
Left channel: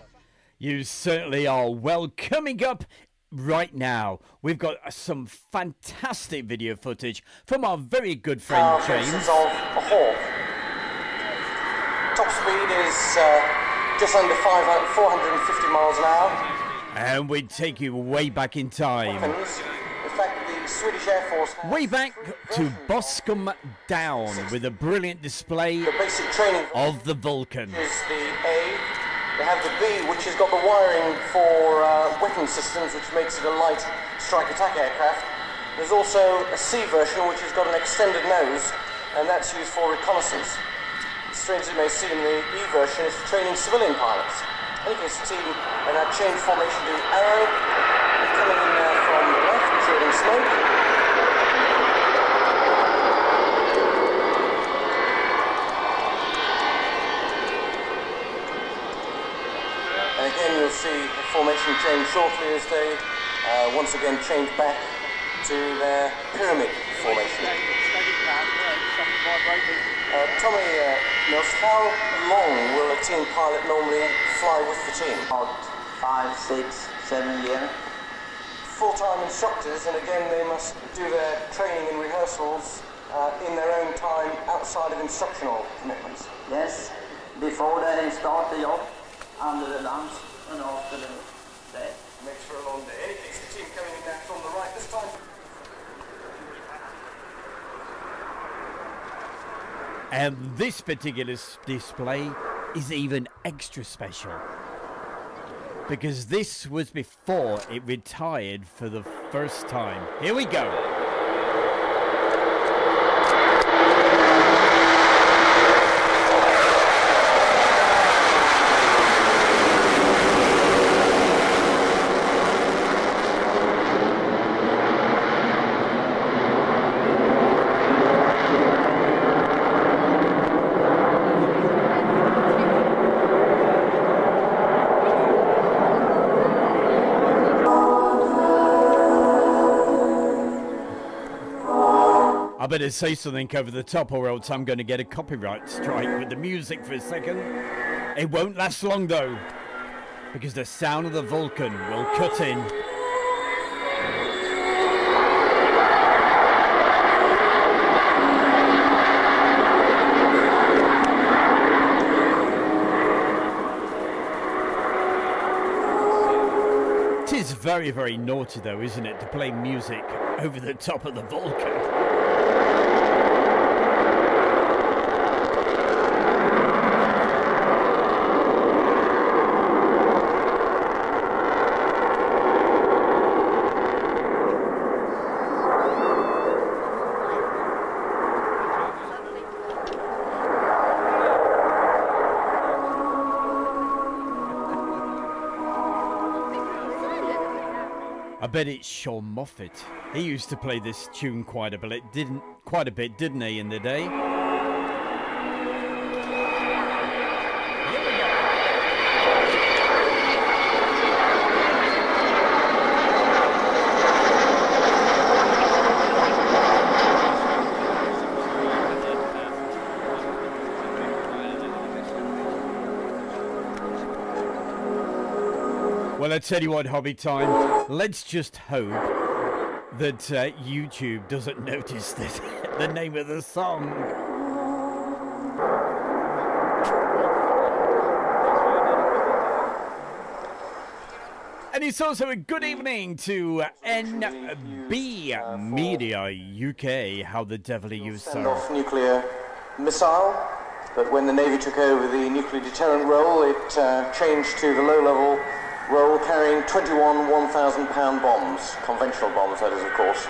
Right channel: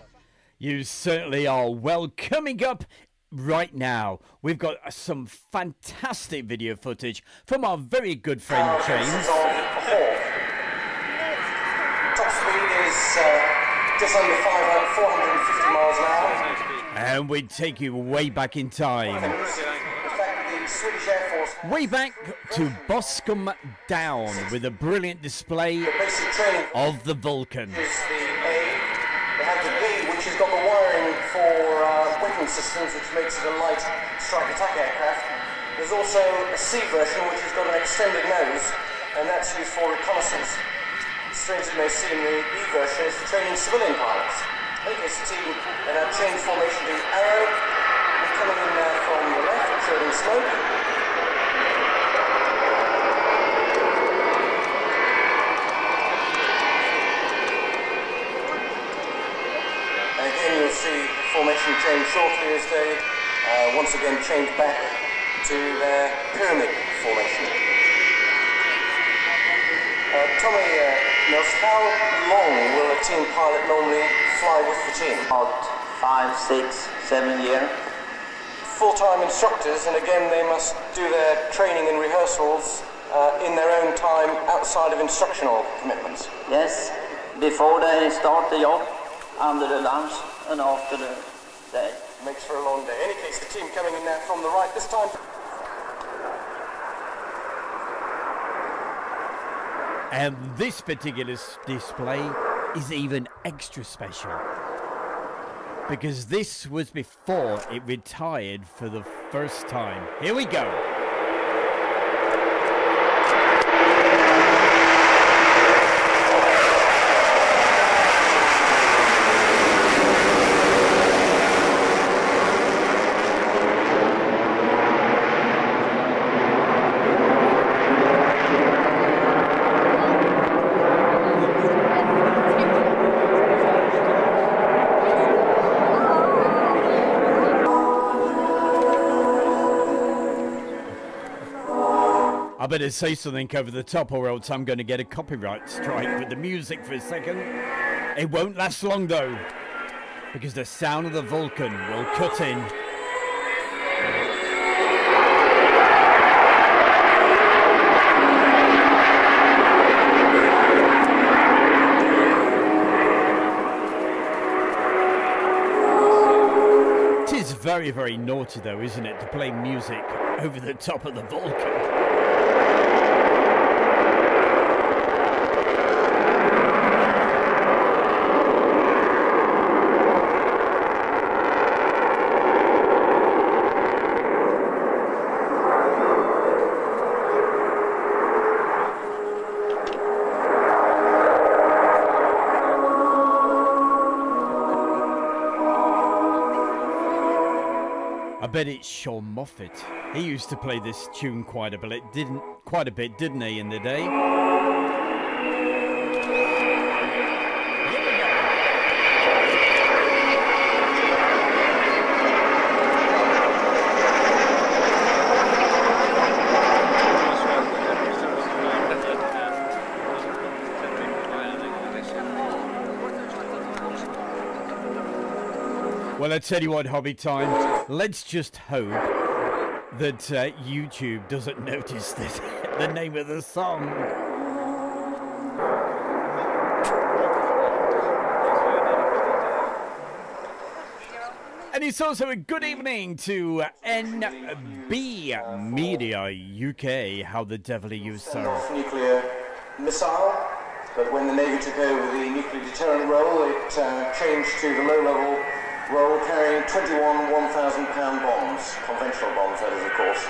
You certainly are. Well, coming up right now, we've got some fantastic video footage from our very good friend James. Top speed is just under 450 miles an hour. And we take you way back in time. In fact, the Swedish Air Force... Way back to Boscombe Down with a brilliant display of the Vulcan. Is the A. They have the B, which has got the wiring for weapon systems, which makes it a light strike attack aircraft. There's also a C version, which has got an extended nose, and that's used for reconnaissance. Strange as it may seem, the E version is for training civilian pilots. I think this team and have changed formation to Arrow. They're coming in there from the left, trailing smoke. And again, you'll see the formation change shortly as they once again change back to their pyramid formation. Tommy Mills, how long will a team pilot normally fly with the team? About 5, 6, 7 years. Full-time instructors, and again they must do their training and rehearsals in their own time outside of instructional commitments. Yes, before they start the job, under the lunch and after the day. Makes for a long day. In any case, the team coming in there from the right this time. And this particular display is even extra special, because this was before it retired for the first time. Here we go. I better say something over the top, or else I'm going to get a copyright strike with the music for a second. It won't last long though, because the sound of the Vulcan will cut in. very, very naughty though, isn't it, to play music over the top of the Vulcan? I bet it's Sean Moffat. He used to play this tune quite a bit, didn't he, in the day? Here we go. Well, I tell you what, Hobby Time, let's just hope that YouTube doesn't notice this, the name of the song. And it's also a good evening to NB Media UK. How the devil are you, Send sir? off nuclear missile, but when the Navy took over the nuclear deterrent role, it changed to the low-level role carrying 21 1,000-pound bombs, conventional bombs, that is, of course.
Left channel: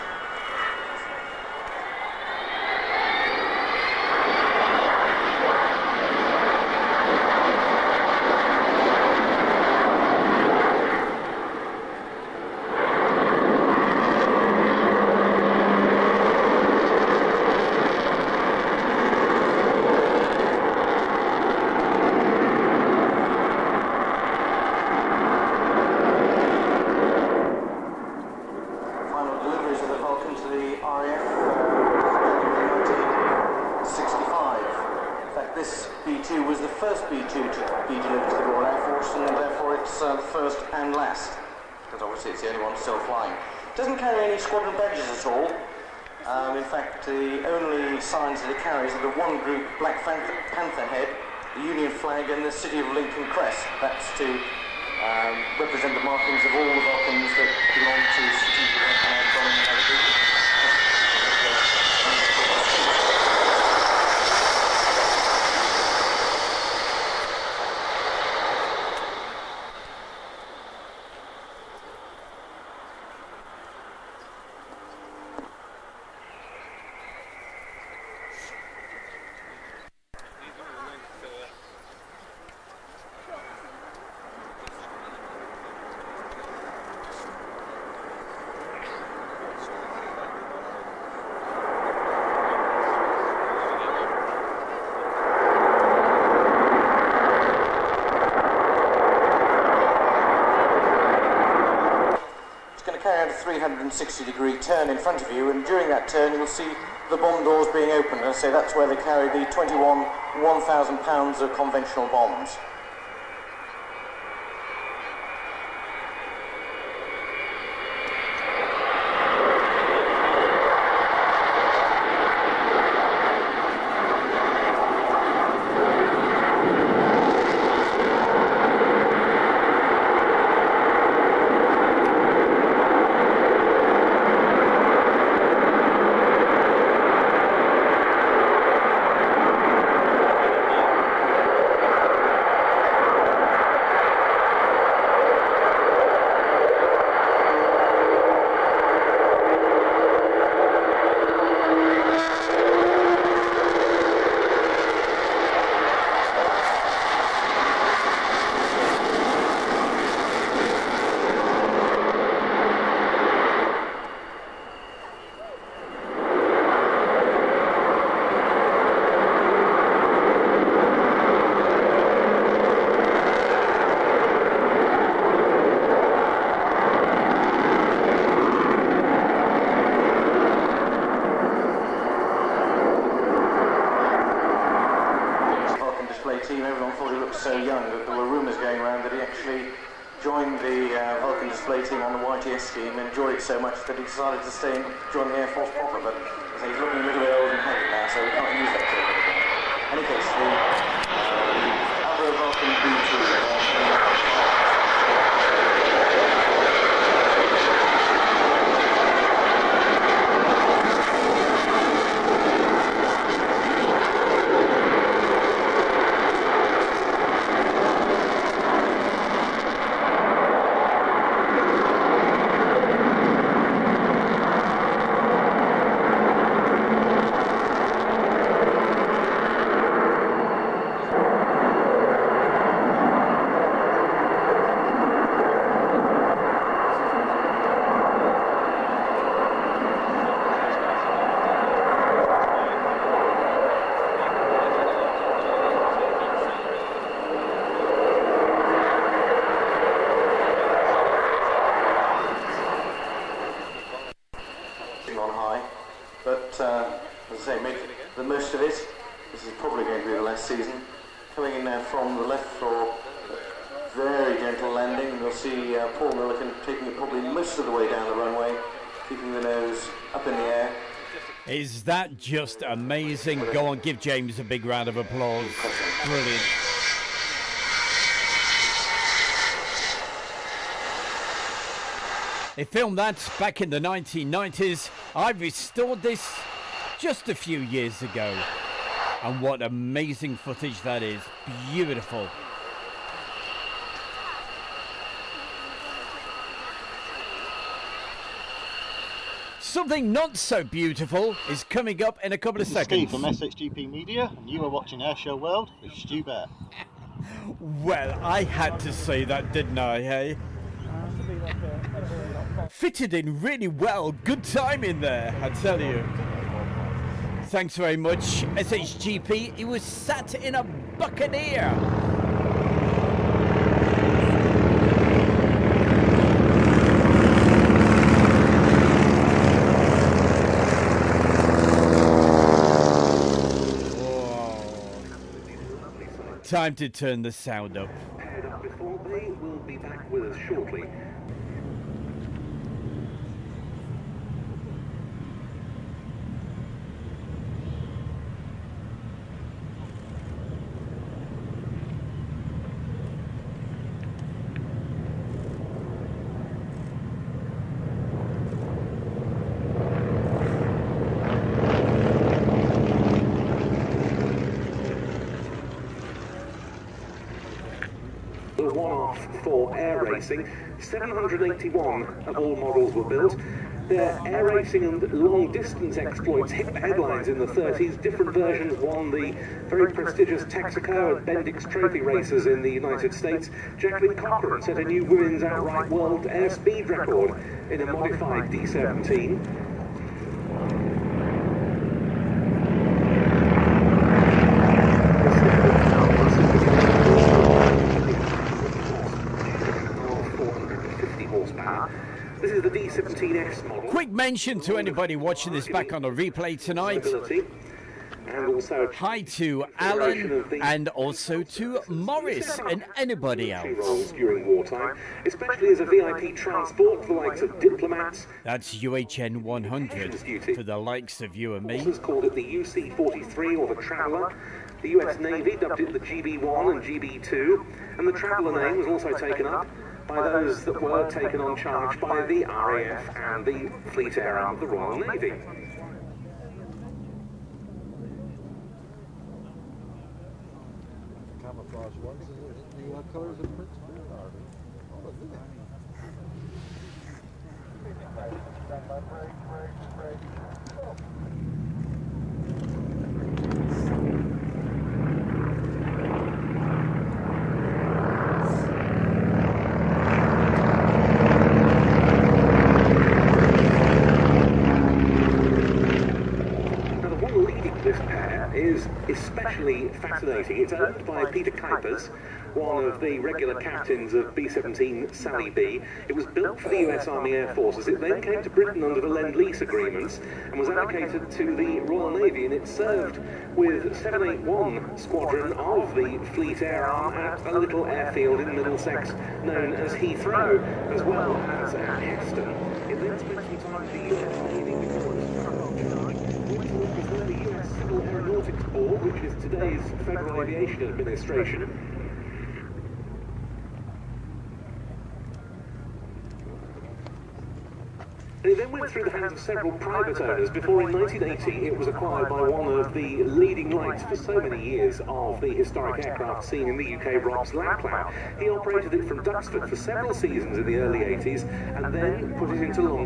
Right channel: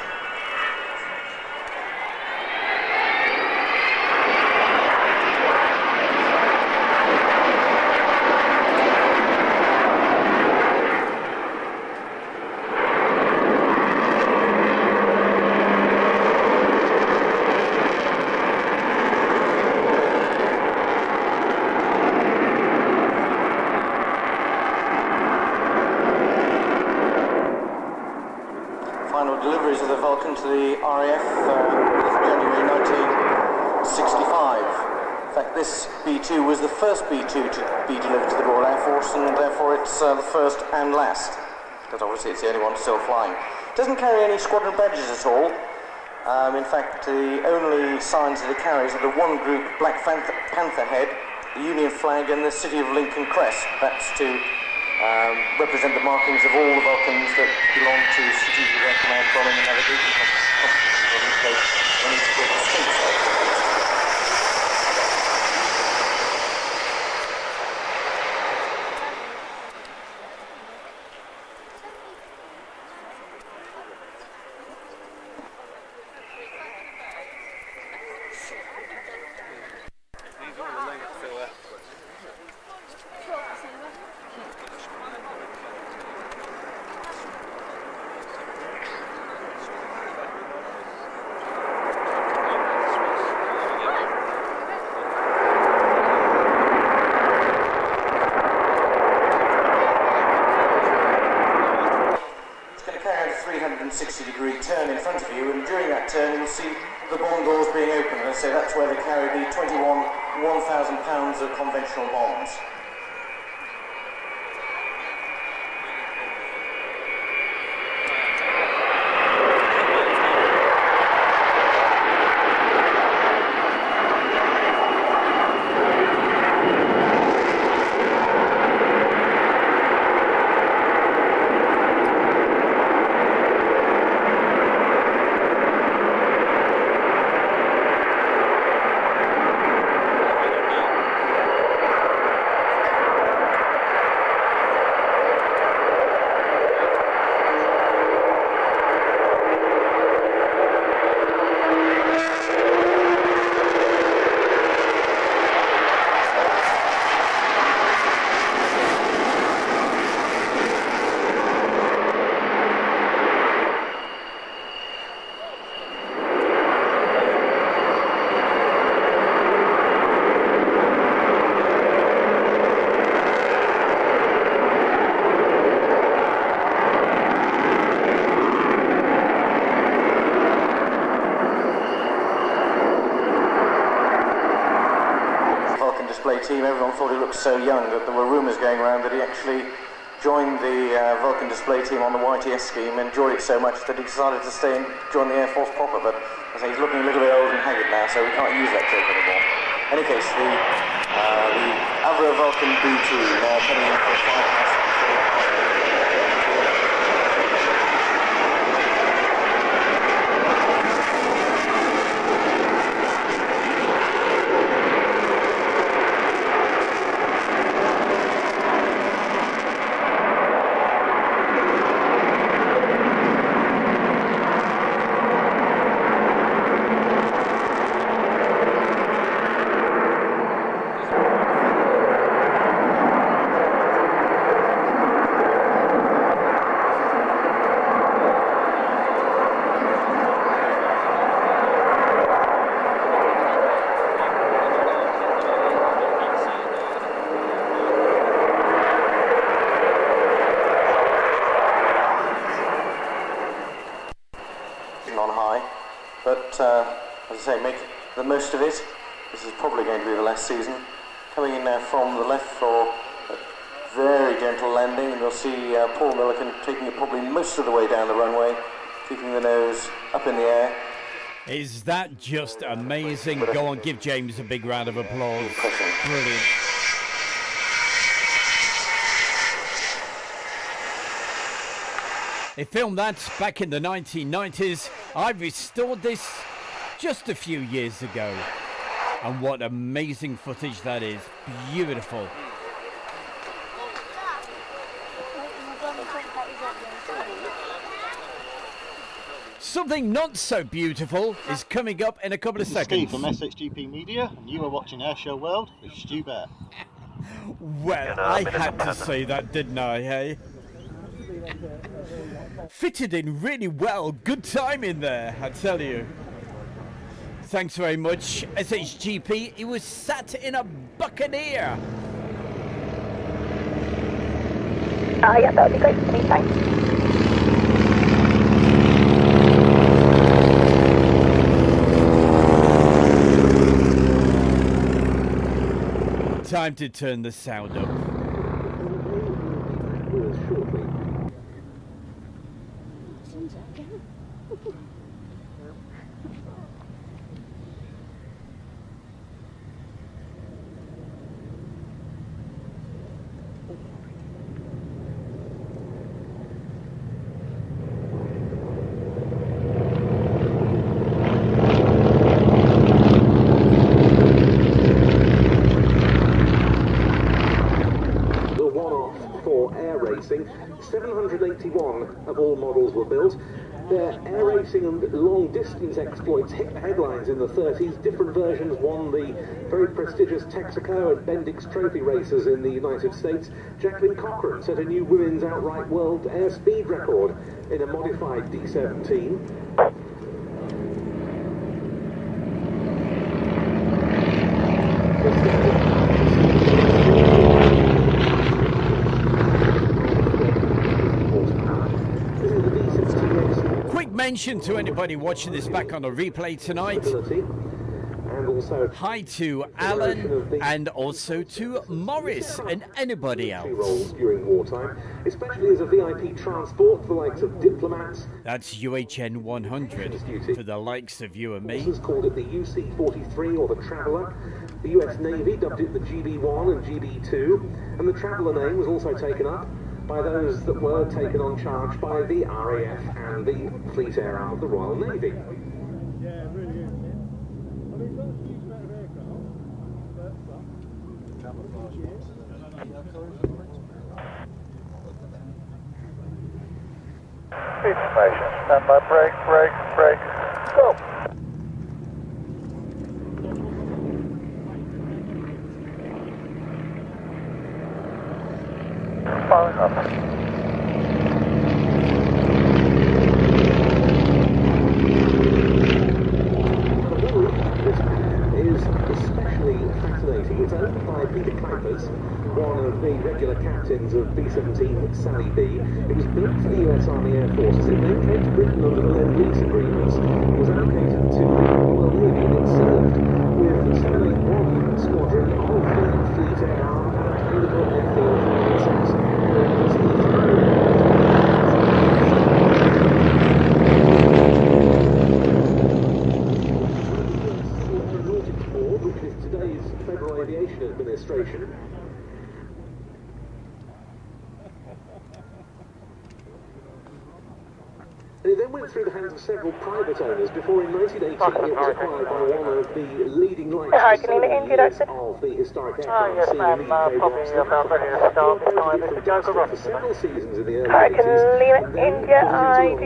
First B-2 to be delivered to the Royal Air Force, and therefore it's the first and last, because obviously it's the only one still flying. It doesn't carry any squadron badges at all. In fact, the only signs that it carries are the one group Black Panther head, the Union flag, and the City of Lincoln crest. That's to represent the markings of all the Vulcans that belong to strategic air command, bombing and navigation. Carry a 360-degree turn in front of you, and during that turn you'll see the bomb doors being opened, and so that's where they carry the 21 1,000 pounds of conventional bombs. Team, everyone thought he looked so young that there were rumours going around that he actually joined the Vulcan display team on the YTS scheme, enjoyed it so much that he decided to stay and join the Air Force proper, but as I say, he's looking a little bit old and haggard now, so we can't use that term anymore. In any case, the Avro Vulcan B2 heading up sitting on high. But as I say, make the most of it. This is probably going to be the last season. Coming in now from the left for a very gentle landing, and you'll see Paul Milliken taking it probably most of the way down the runway, keeping the nose up in the air. Is that just amazing? Go on, give James a big round of applause. Brilliant. They filmed that back in the 1990s. I restored this just a few years ago. And what amazing footage that is. Beautiful. Something not so beautiful is coming up in a couple of seconds. Steve from SHGP Media, and you are watching Airshow World with Stu Bear. Well, I had to say that, didn't I, hey? Fitted in really well. Good time in there, I tell you. Thanks very much, SHGP. He was sat in a Buccaneer. Oh, yeah, that'd be great. Thanks. Time to turn the sound up. The one-off for air racing. 781 of all models were built. Their air racing and long-distance exploits hit the headlines in the 30s. Different versions won the very prestigious Texaco and Bendix Trophy races in the United States. Jacqueline Cochran set a new women's outright world air speed record in a modified D-17. Quick mention to anybody watching this back on a replay tonight. Hi to Alan and also to Morris and anybody else. During wartime, especially as a VIP transport for the likes of diplomats. That's UHN 100 for the likes of you and me. Called it the UC-43 or the Traveller. The US Navy dubbed it the GB-1 and GB-2, and the Traveller name was also taken up by those that were taken on charge by the RAF and the Fleet Air Arm of the Royal Navy. Information, stand by, brake, go. Following up. One of the regular captains of B-17 Sally B. It was built for the US Army Air Forces. It then came to Britain under the Lend-Lease agreements and was allocated to the Royal Navy, and it served with 781 Squadron of the Fleet Air Arm at a little airfield in Middlesex known as Heathrow. Federal Aviation Administration. It then went through the hands of several private owners before in 1980 it was acquired by one of the leading lights of the historic aircraft scene in the UK, Ross Lappa. He operated it fantastic for several seasons in the early 80s, and then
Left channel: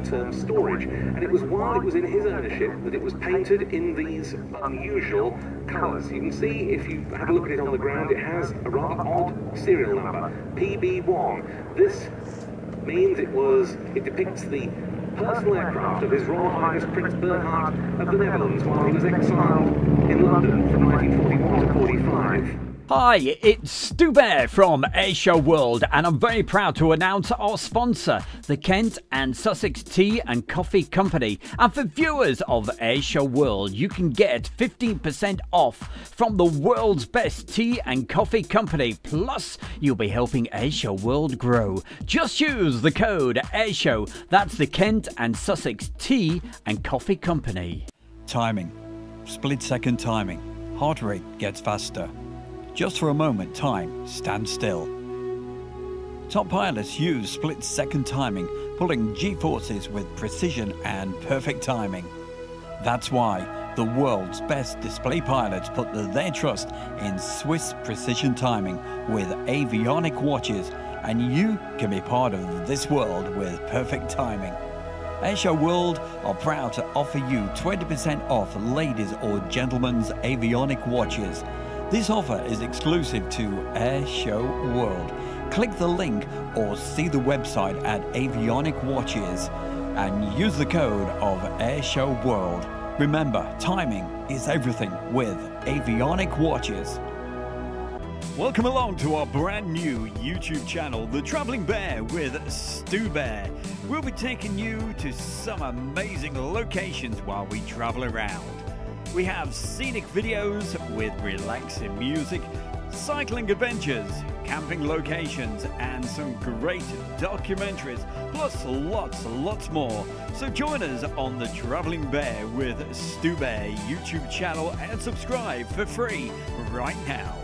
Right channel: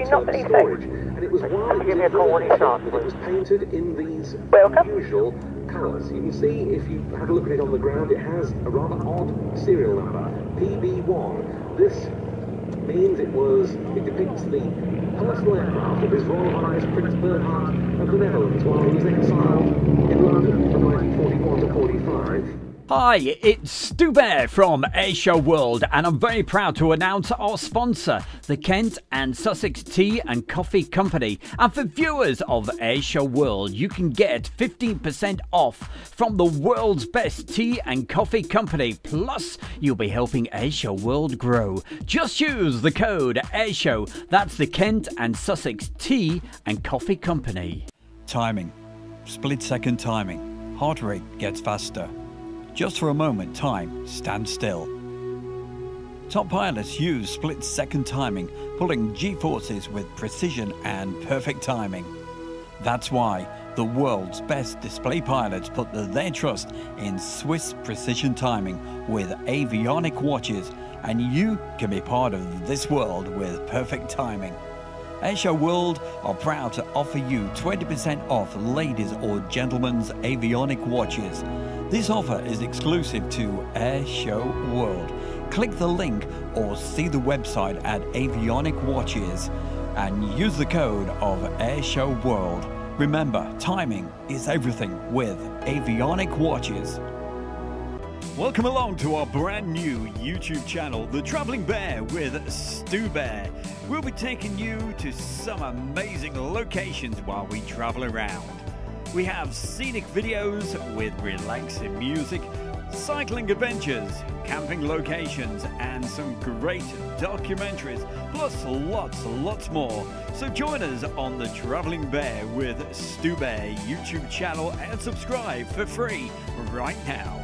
was long-term storage. And it was while it was in his ownership that it was painted in these unusual colours. You can see, if you have a look at it on the ground, it has a rather odd serial number, PB1. This means it depicts the personal aircraft of His Royal Highness Prince Bernhard of the Netherlands while he was exiled in London from 1941 to 45. Hi, it's Stu Bear from Airshow World, and I'm very proud to announce our sponsor, the Kent and Sussex Tea and Coffee Company. And for viewers of Airshow World, you can get 15% off from the world's best tea and coffee company. Plus, you'll be helping Airshow World grow. Just use the code Airshow. That's the Kent and Sussex Tea and Coffee Company. Timing. Split-second timing. Heart rate gets faster. Just for a moment, time stands still. Top pilots use split-second timing, pulling G-forces with precision and perfect timing. That's why the world's best display pilots put their trust in Swiss precision timing with avionic watches, and you can be part of this world with perfect timing. Airshow World are proud to offer you 20% off ladies' or gentlemen's avionic watches. This offer is exclusive to Airshow World. Click the link or see the website at Avionic Watches and use the code of Airshow World. Remember, timing is everything with Avionic Watches. Welcome along to our brand new YouTube channel, The Travelling Bear with Stu Bear. We'll be taking you to some amazing locations while we travel around. We have scenic videos with relaxing music, cycling adventures, camping locations, and some great documentaries, plus lots more. So join us on the Travelling Bear with Stu Bear YouTube channel and subscribe for free right now.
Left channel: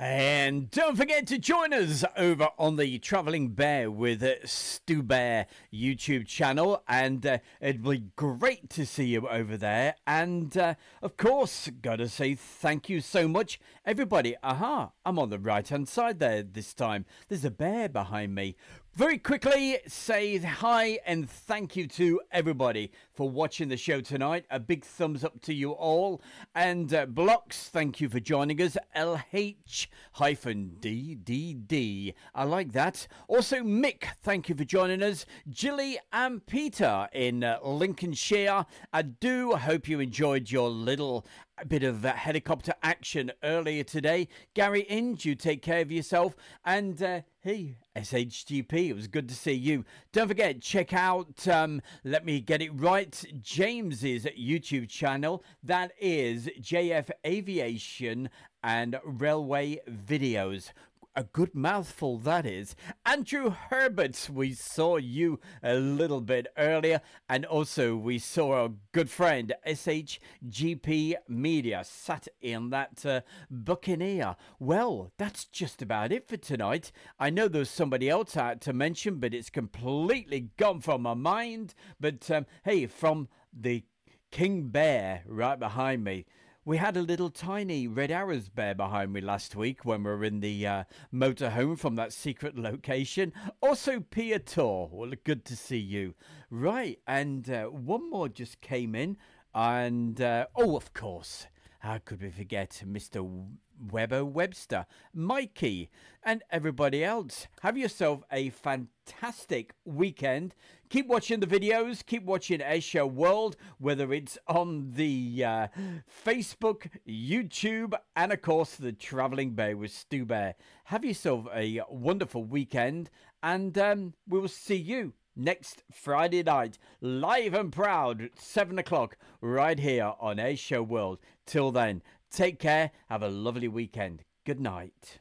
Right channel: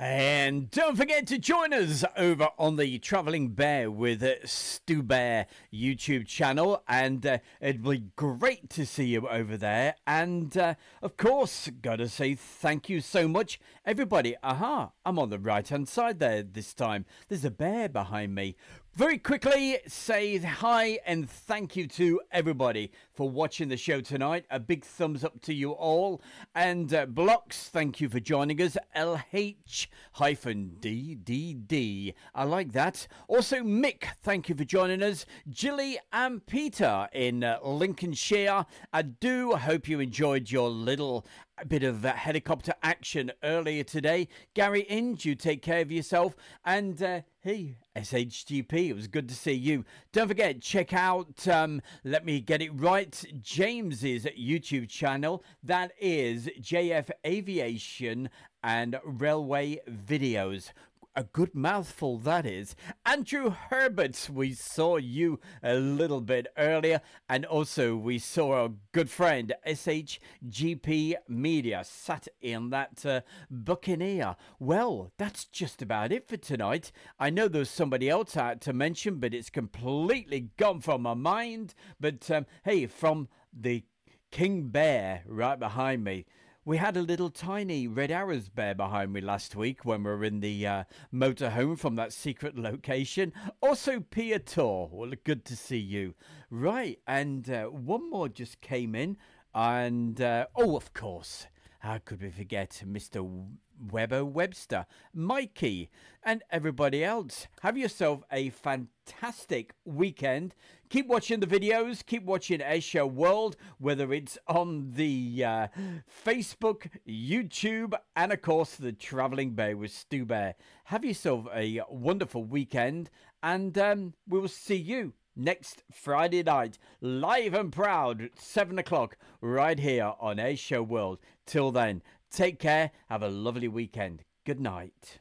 And don't forget to join us over on the Travelling Bear with Stu Bear YouTube channel, and it'd be great to see you over there. And of course, gotta say thank you so much, everybody. Aha, I'm on the right hand side there this time. There's a bear behind me. Very quickly, say hi and thank you to everybody for watching the show tonight. A big thumbs up to you all. And Blocks, thank you for joining us. LH-DDD. I like that. Also, Mick, thank you for joining us. Jilly and Peter in Lincolnshire. I do hope you enjoyed your little bit of helicopter action earlier today. Gary Inge, you take care of yourself. And hey, SHGP, it was good to see you. Don't forget, check out, let me get it right, James's YouTube channel. That is JF Aviation and Railway Videos. A good mouthful, that is. Andrew Herbert, we saw you a little bit earlier. And also we saw our good friend SHGP Media sat in that Buccaneer. Well, that's just about it for tonight. I know there's somebody else out to mention, but it's completely gone from my mind. But hey, from the King Bear right behind me, we had a little tiny Red Arrows bear behind me last week when we were in the motorhome from that secret location. Also, Pia Tor, well, good to see you. Right, and one more just came in. And, oh, of course, how could we forget Mr. Webster, Mikey, and everybody else. Have yourself a fantastic weekend. Keep watching the videos. Keep watching Airshow World, whether it's on the Facebook, YouTube, and of course the Travelling Bear with Stu Bear. Have yourself a wonderful weekend, and we will see you next Friday night, live and proud at 7 o'clock, right here on Airshow World. Till then, take care. Have a lovely weekend. Good night.